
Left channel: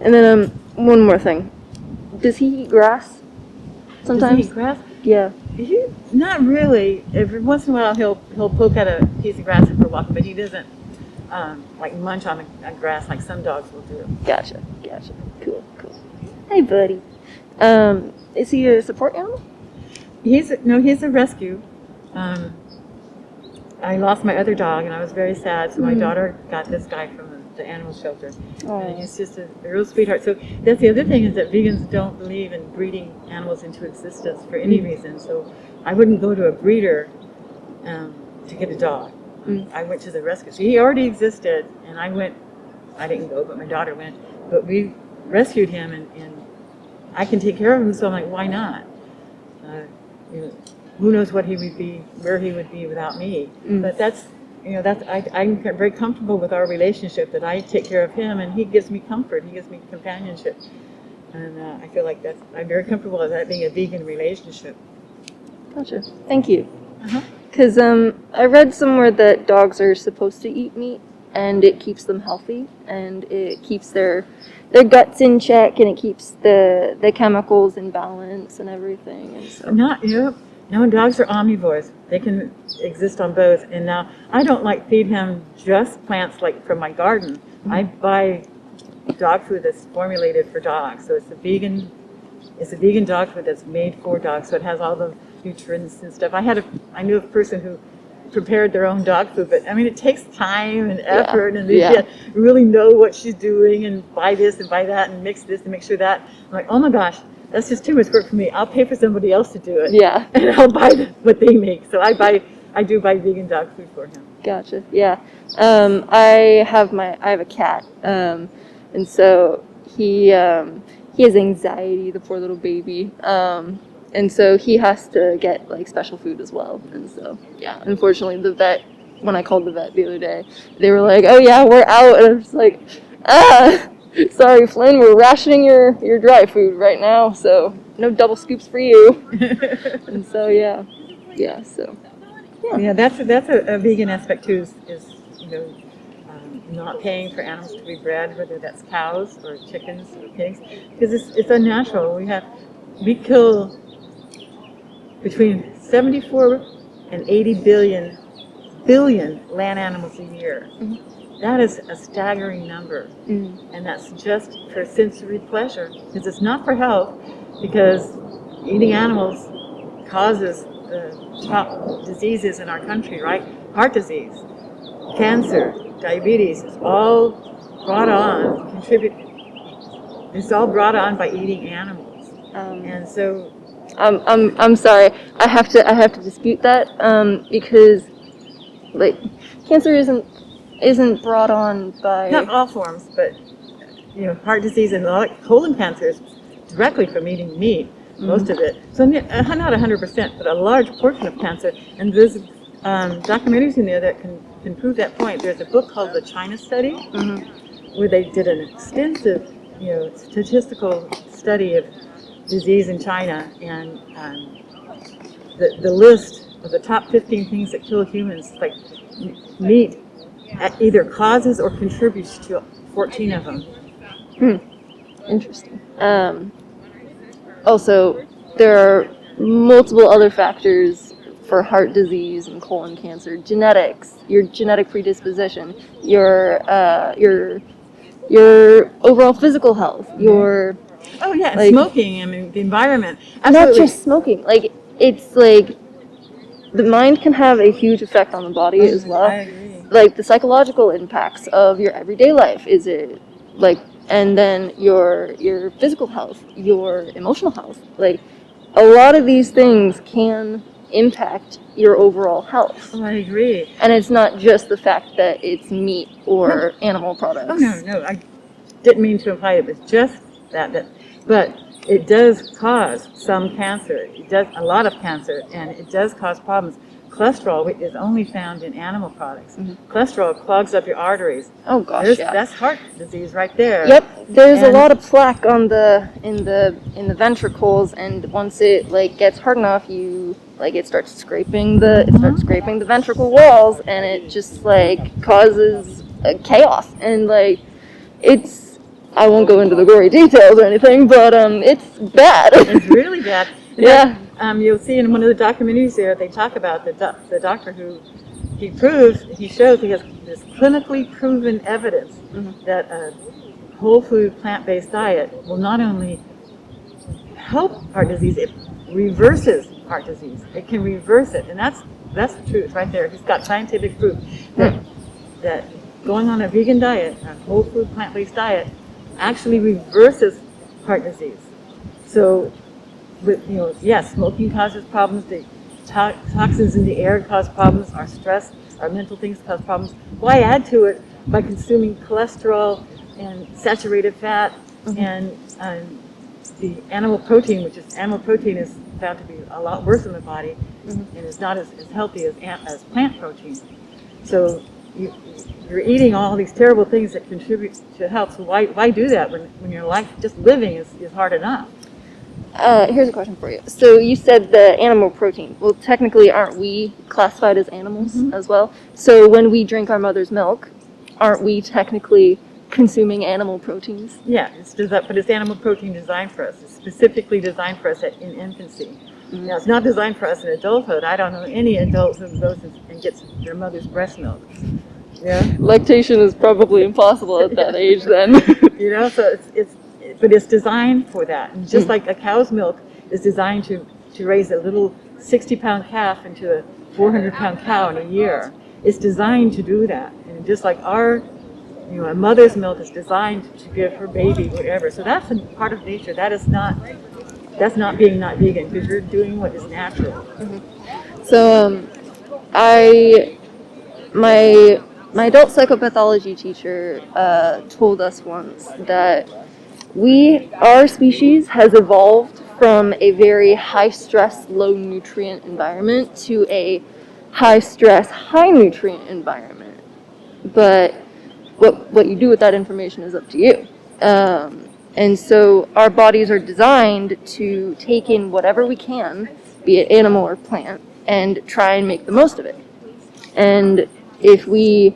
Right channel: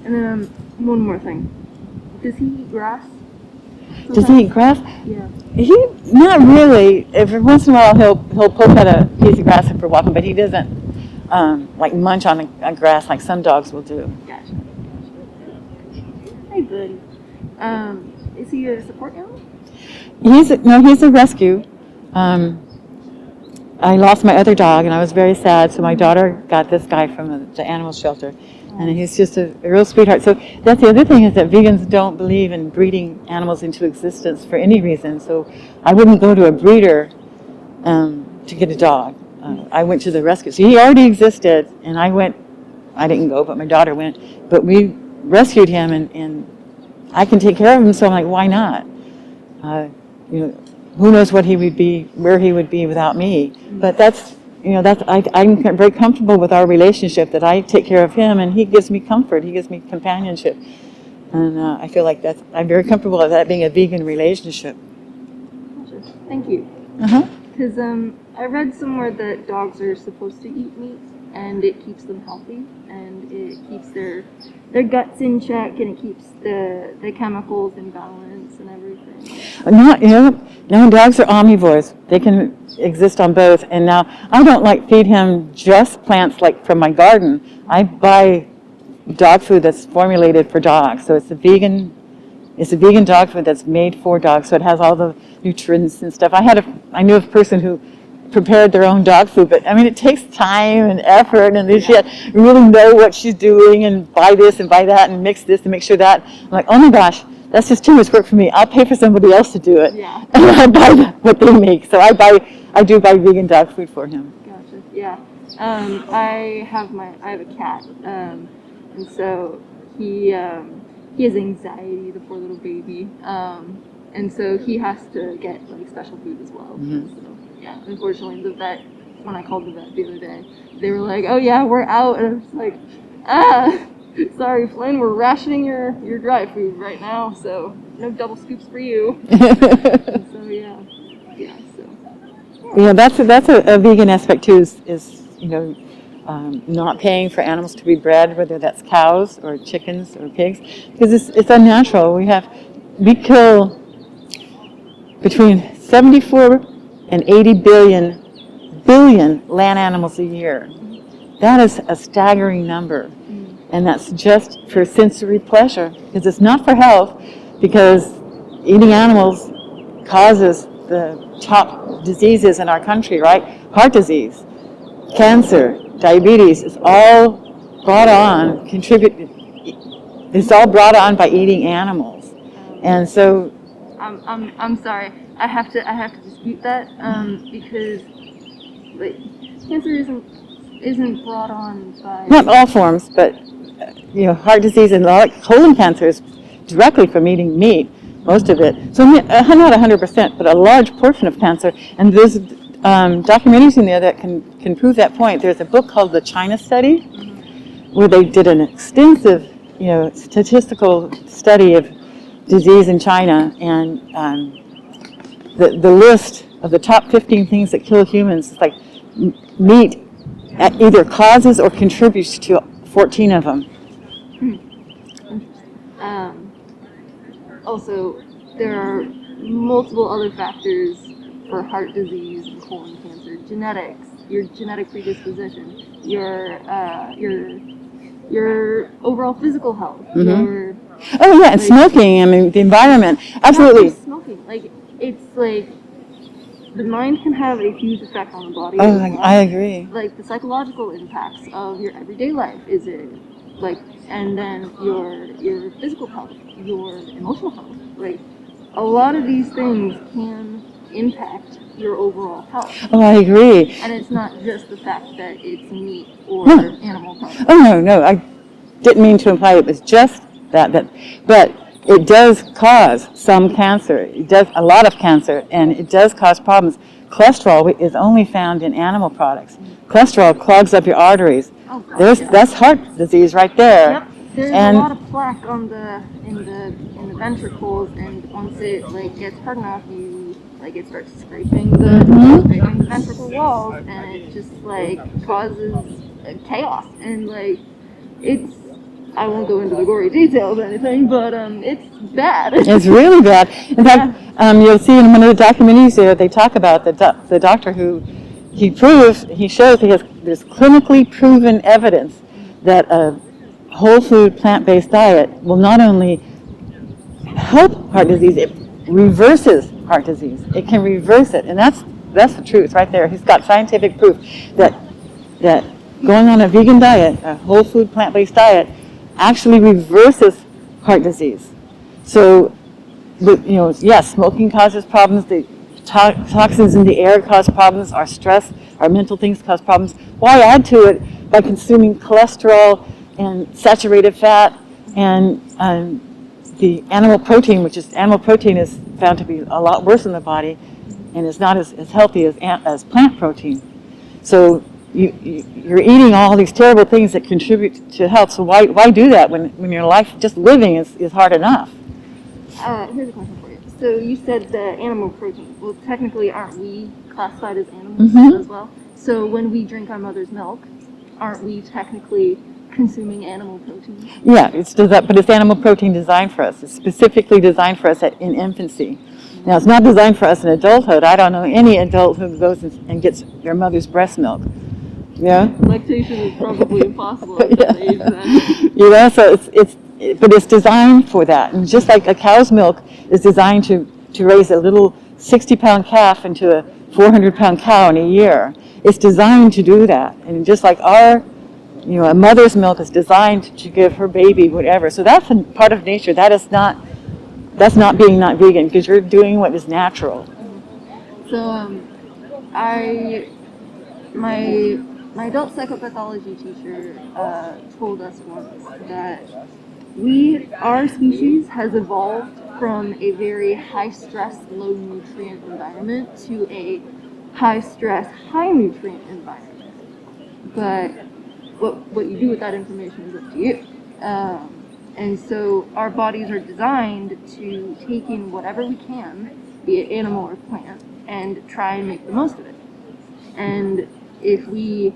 then one more thing. Does he eat grass? Does he sometimes? eat grass? Yeah. He not really. Every once in a while he'll poke at a piece of grass if we're walking, but he doesn't like munch on a grass like some dogs will do. Gotcha. Cool. Hey, buddy. Is he a support animal? He's a rescue. I lost my other dog, and I was very sad. So my daughter got this guy from the animal shelter, and he's just a real sweetheart. So that's the other thing, is that vegans don't believe in breeding animals into existence for any reason. So I wouldn't go to a breeder to get a dog. I went to the rescue. So he already existed, and I didn't go, but my daughter went. But we rescued him, and I can take care of him. So I'm like, why not? Who knows what he would be, where he would be without me. But I'm very comfortable with our relationship, that I take care of him and he gives me comfort, he gives me companionship. And I feel like I'm very comfortable with that being a vegan relationship. Gotcha. Thank you. Uh-huh. Because I read somewhere that dogs are supposed to eat meat, and it keeps them healthy, and it keeps their guts in check, and it keeps the chemicals in balance and everything. Now dogs are omnivores. They can exist on both. And now I don't feed him just plants like from my garden. I buy dog food that's formulated for dogs. So it's a vegan dog food that's made for dogs. So it has all the nutrients and stuff. I knew a person who prepared their own dog food, but I mean, it takes time and effort, and she had to really know what she's doing, and buy this and buy that and mix this and make sure that. I'm like, oh my gosh, that's just too much work for me. I'll pay for somebody else to do it. Yeah. And I'll buy what they make. So I do buy vegan dog food for him. Gotcha. Yeah. I have a cat, and so he has anxiety, the poor little baby. And so he has to get special food as well. And so unfortunately when I called the vet the other day, they were like, oh yeah, we're out. And I was like, sorry, Flynn, we're rationing your dry food right now, so no double scoops for you. And so that's a vegan aspect too, is not paying for animals to be bred, whether that's cows or chickens or pigs, because it's unnatural. We kill between 74 and 80 billion land animals a year. That is a staggering number. And that's just for sensory pleasure, because it's not for health, because eating animals causes the top diseases in our country, right? Heart disease, cancer, diabetes is all brought on, it's all brought on by eating animals. And so I'm sorry. I have to dispute that, because cancer isn't brought on by, not all forms, but heart disease and colon cancer is directly from eating meat, most of it. So not 100%, but a large portion of cancer. And there's documentaries in there that can prove that point. There's a book called The China Study, where they did an extensive statistical study of disease in China, and the list of the top 15 things that kill humans, like meat either causes or contributes to 14 of them. Interesting. Also, there are multiple other factors for heart disease and colon cancer: genetics, your genetic predisposition, your overall physical health, your and smoking. I mean, the environment. Absolutely. Not just smoking. It's the mind can have a huge effect on the body as well. I agree. The psychological impacts of your everyday life, and then your physical health, your emotional health. A lot of these things can impact your overall health. Oh, I agree. And it's not just the fact that it's meat or animal products. Oh, no, I didn't mean to imply it was just that, but it does cause some cancer. It does a lot of cancer, and it does cause problems. Cholesterol is only found in animal products. Cholesterol clogs up your arteries. Oh gosh, that's heart disease right there. Yep, there's a lot of plaque in the ventricles, and once it gets hard enough, it starts scraping the ventricle walls, and it just causes chaos, and I won't go into the gory details or anything, but it's bad. It's really bad. In fact, you'll see in one of the documentaries there, they talk about the doctor who he shows he has this clinically proven evidence that a whole food plant-based diet will not only help heart disease, it reverses heart disease. It can reverse it, and that's the truth right there. He's got scientific proof that going on a vegan diet, a whole food plant-based diet, actually reverses heart disease. So, yes, smoking causes problems. The toxins in the air cause problems. Our stress, our mental things cause problems. Why add to it by consuming cholesterol and saturated fat and the animal protein, animal protein is found to be a lot worse in the body and is not as healthy as plant protein. So you're eating all these terrible things that contribute to health. So why do that when your life just living is hard enough? Here's a question for you. So you said the animal protein. Well, technically, aren't we classified as animals as well? So when we drink our mother's milk, aren't we technically consuming animal proteins? Yeah, but it's animal protein designed for us. It's specifically designed for us in infancy. Now, it's not designed for us in adulthood. I don't know any adult who goes and gets their mother's breast milk. Yeah, lactation is probably impossible at that age then. So but it's designed for that. And just like a cow's milk is designed to raise a little 60-pound calf into a 400-pound cow in a year, it's designed to do that. And just like a mother's milk is designed to give her baby whatever. So that's a part of nature. That's not being not vegan, because you're doing what is natural. So my adult psychopathology teacher told us once that our species has evolved from a very high-stress, low-nutrient environment to a high-stress, high-nutrient environment. But what you do with that information is up to you. And so our bodies are designed to take in whatever we can, be it animal or plant, and try and make the most of it. And if we,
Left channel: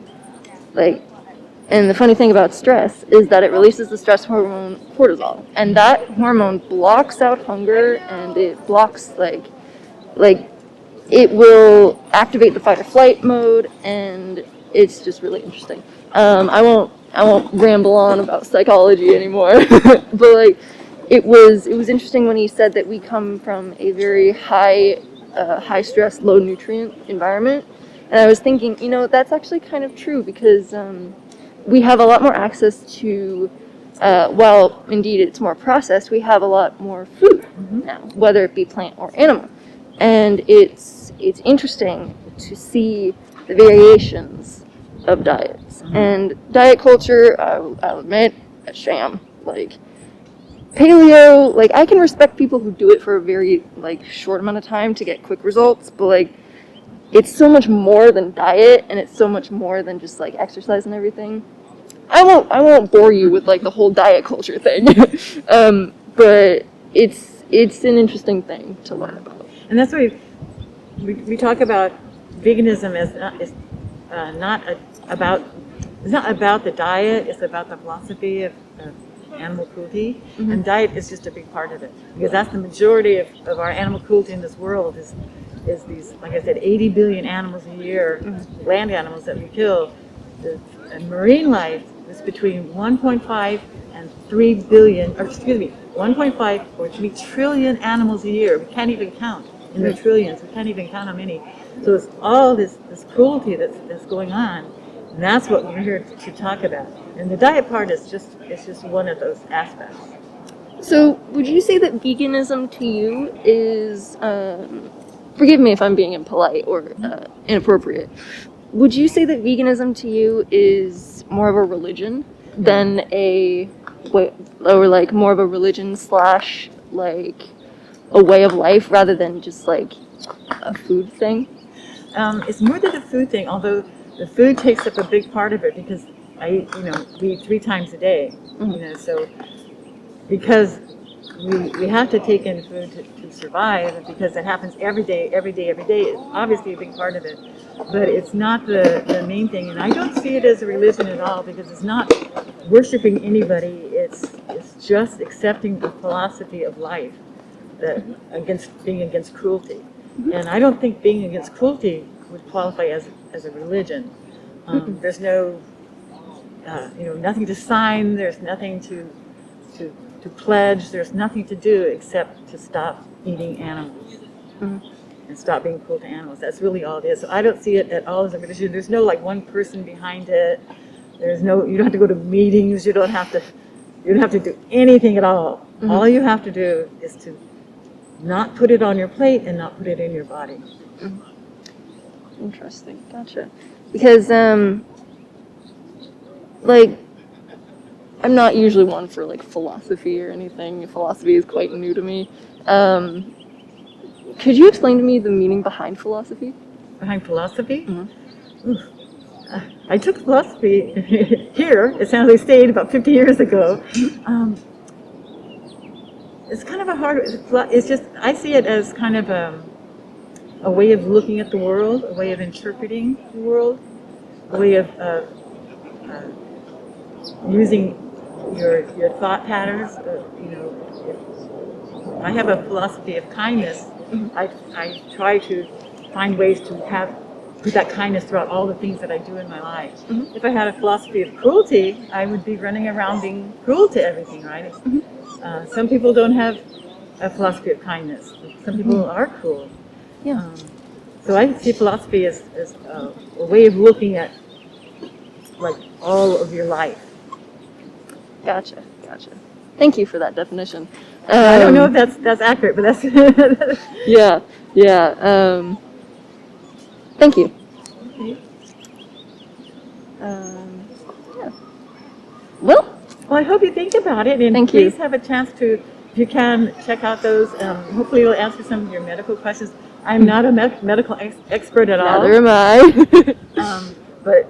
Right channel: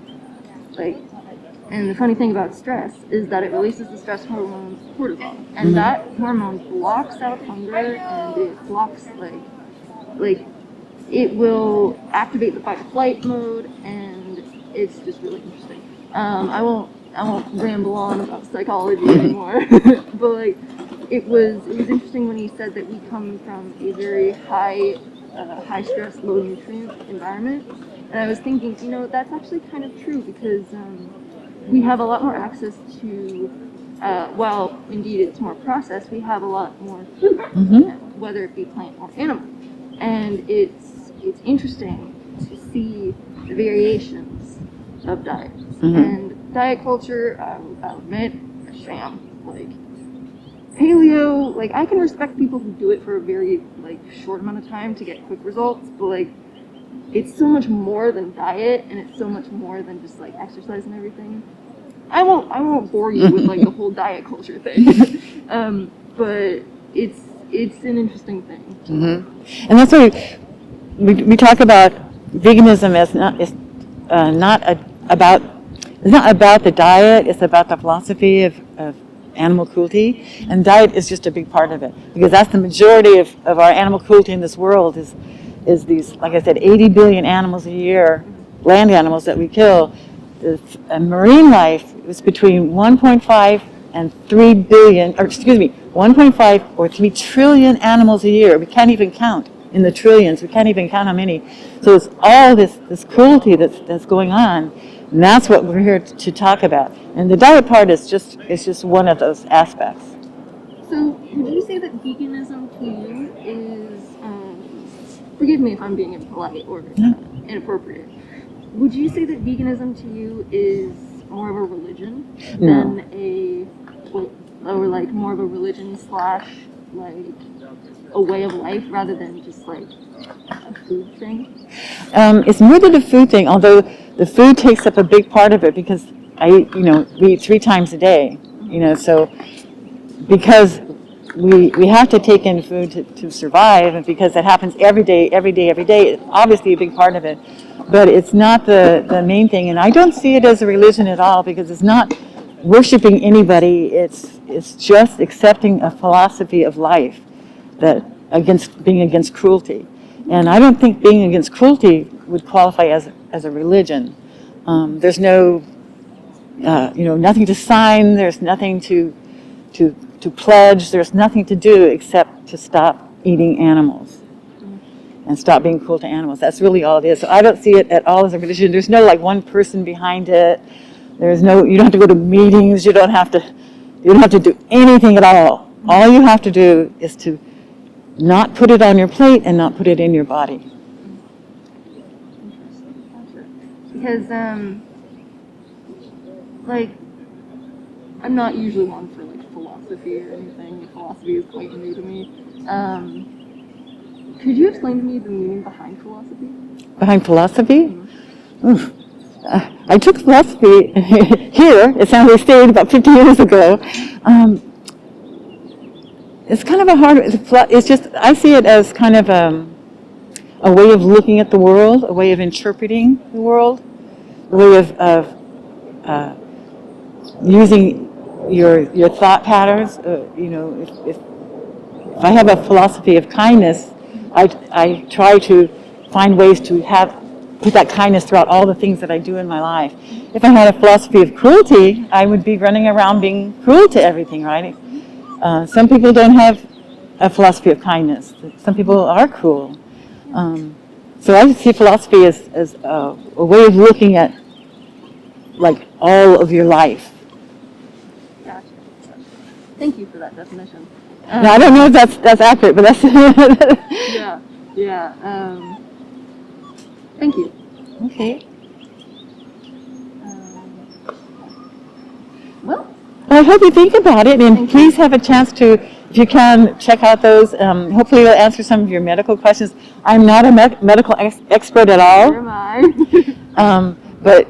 and the funny thing about stress is that it releases the stress hormone cortisol, and that hormone blocks out hunger, and it blocks it will activate the fight or flight mode, and it's just really interesting. I won't ramble on about psychology anymore, but it was interesting when he said that we come from a very high stress, low nutrient environment, and I was thinking, that's actually kind of true, because we have a lot more access to, while indeed it's more processed, we have a lot more food now, whether it be plant or animal. And it's interesting to see the variations of diets. And diet culture, I'll admit, a sham. Paleo, I can respect people who do it for a very, short amount of time to get quick results, but, it's so much more than diet, and it's so much more than just, exercise and everything. I won't bore you with, the whole diet culture thing, but it's an interesting thing to learn about. And that's why we talk about veganism as not about the diet, it's about the philosophy of animal cruelty, and diet is just a big part of it, because that's the majority of our animal cruelty in this world is these, like I said, 80 billion animals a year, land animals that we kill. And marine life is between 1.5 and 3 billion, 1.5 or 3 trillion animals a year. We can't even count in the trillions. We can't even count how many. So it's all this cruelty that's going on, and that's what we're here to talk about. And the diet part is just one of those aspects. So would you say that veganism to you is, forgive me if I'm being impolite or inappropriate, would you say that veganism to you is more of a religion than more of a religion / a way of life, rather than just a food thing? It's more than a food thing, although the food takes up a big part of it, because we eat 3 times a day, so because we have to take in food to survive, and because that happens every day, it's obviously a big part of it, but it's not the main thing. And I don't see it as a religion at all, because it's not worshiping anybody. It's just accepting a philosophy of life that being against cruelty. And I don't think being against cruelty would qualify as a religion. There's no, nothing to sign. There's nothing to pledge. There's nothing to do except to stop eating animals and stop being cruel to animals. That's really all it is. So I don't see it at all as a religion. There's no like one person behind it. There's no. You don't have to go to meetings. You don't have to do anything at all. All you have to do is to not put it on your plate and not put it in your body. Interesting. Gotcha. Because, like, I'm not usually one for, like, philosophy or anything. Philosophy is quite new to me. Could you explain to me the meaning behind philosophy? Behind philosophy? I took philosophy here at San Jose State about 50 years ago. It's kind of a hard, it's just, I see it as kind of a way of looking at the world, a way of interpreting the world, a way of using your thought patterns. If I have a philosophy of kindness, I try to find ways to put that kindness throughout all the things that I do in my life. If I had a philosophy of cruelty, I would be running around being cruel to everything, right? Some people don't have a philosophy of kindness. Some people are cruel. Yeah. So I see philosophy as a way of looking at like all of your life. Gotcha. Thank you for that definition. I don't know if that's accurate, but that's Yeah. Thank you. Okay. Yeah. Well, I hope you think about it, and Thank please you. have a chance to, if you can, check out those. Hopefully it'll answer some of your medical questions. I'm not a medical expert at all. neither am I. But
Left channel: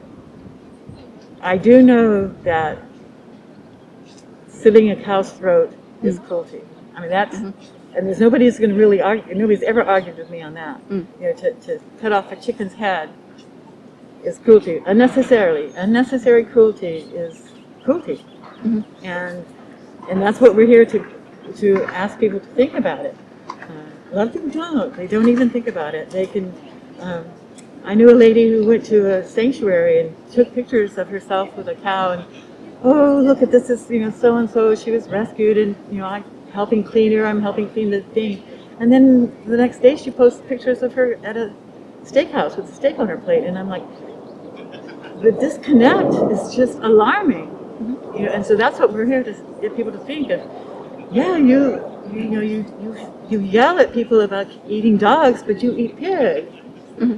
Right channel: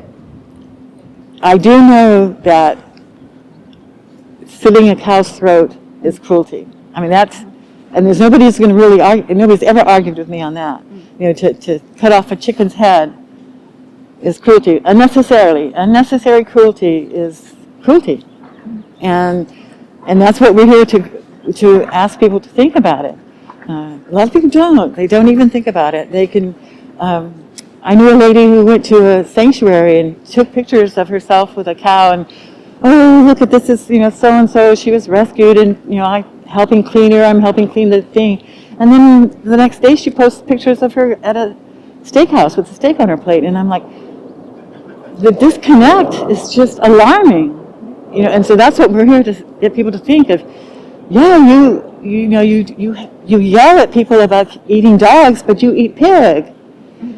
I do know that slitting a cow's throat is cruelty. I mean, that's, and there's nobody who's going to really argue, nobody's ever argued with me on that. To cut off a chicken's head is cruelty. Unnecessary cruelty is cruelty. And that's what we're here to ask people to think about it. A lot of people don't. They don't even think about it. They can, I knew a lady who went to a sanctuary and took pictures of herself with a cow and, oh, look at this is, so-and-so, she was rescued and, I'm helping clean her, I'm helping clean the thing. And then the next day she posts pictures of her at a steakhouse with a steak on her plate. And I'm like, the disconnect is just alarming. And so that's what we're here to get people to think of. Yeah, you yell at people about eating dogs, but you eat pig.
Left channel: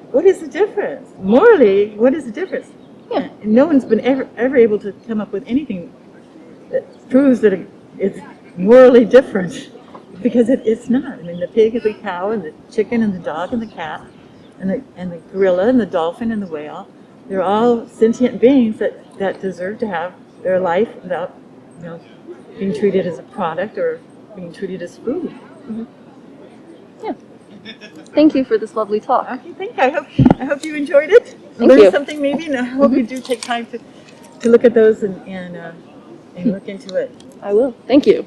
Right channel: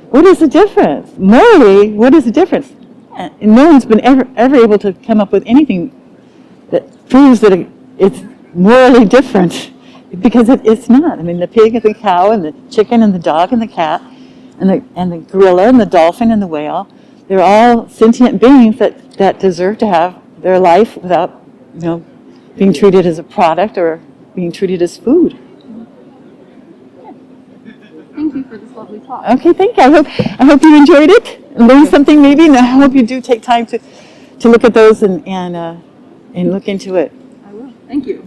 What is the difference? Morally, what is the difference? Yeah. And no one's been ever able to come up with anything that proves that it's morally different, because it's not. I mean, the pig and the cow and the chicken and the dog and the cat and the gorilla and the dolphin and the whale, they're all sentient beings that deserve to have their life without, being treated as a product or being treated as food. Yeah. Thank you for this lovely talk. Okay, thank you. I hope you enjoyed it. Learned something maybe, and I hope you do take time to look at those and look into it. I will. Thank you.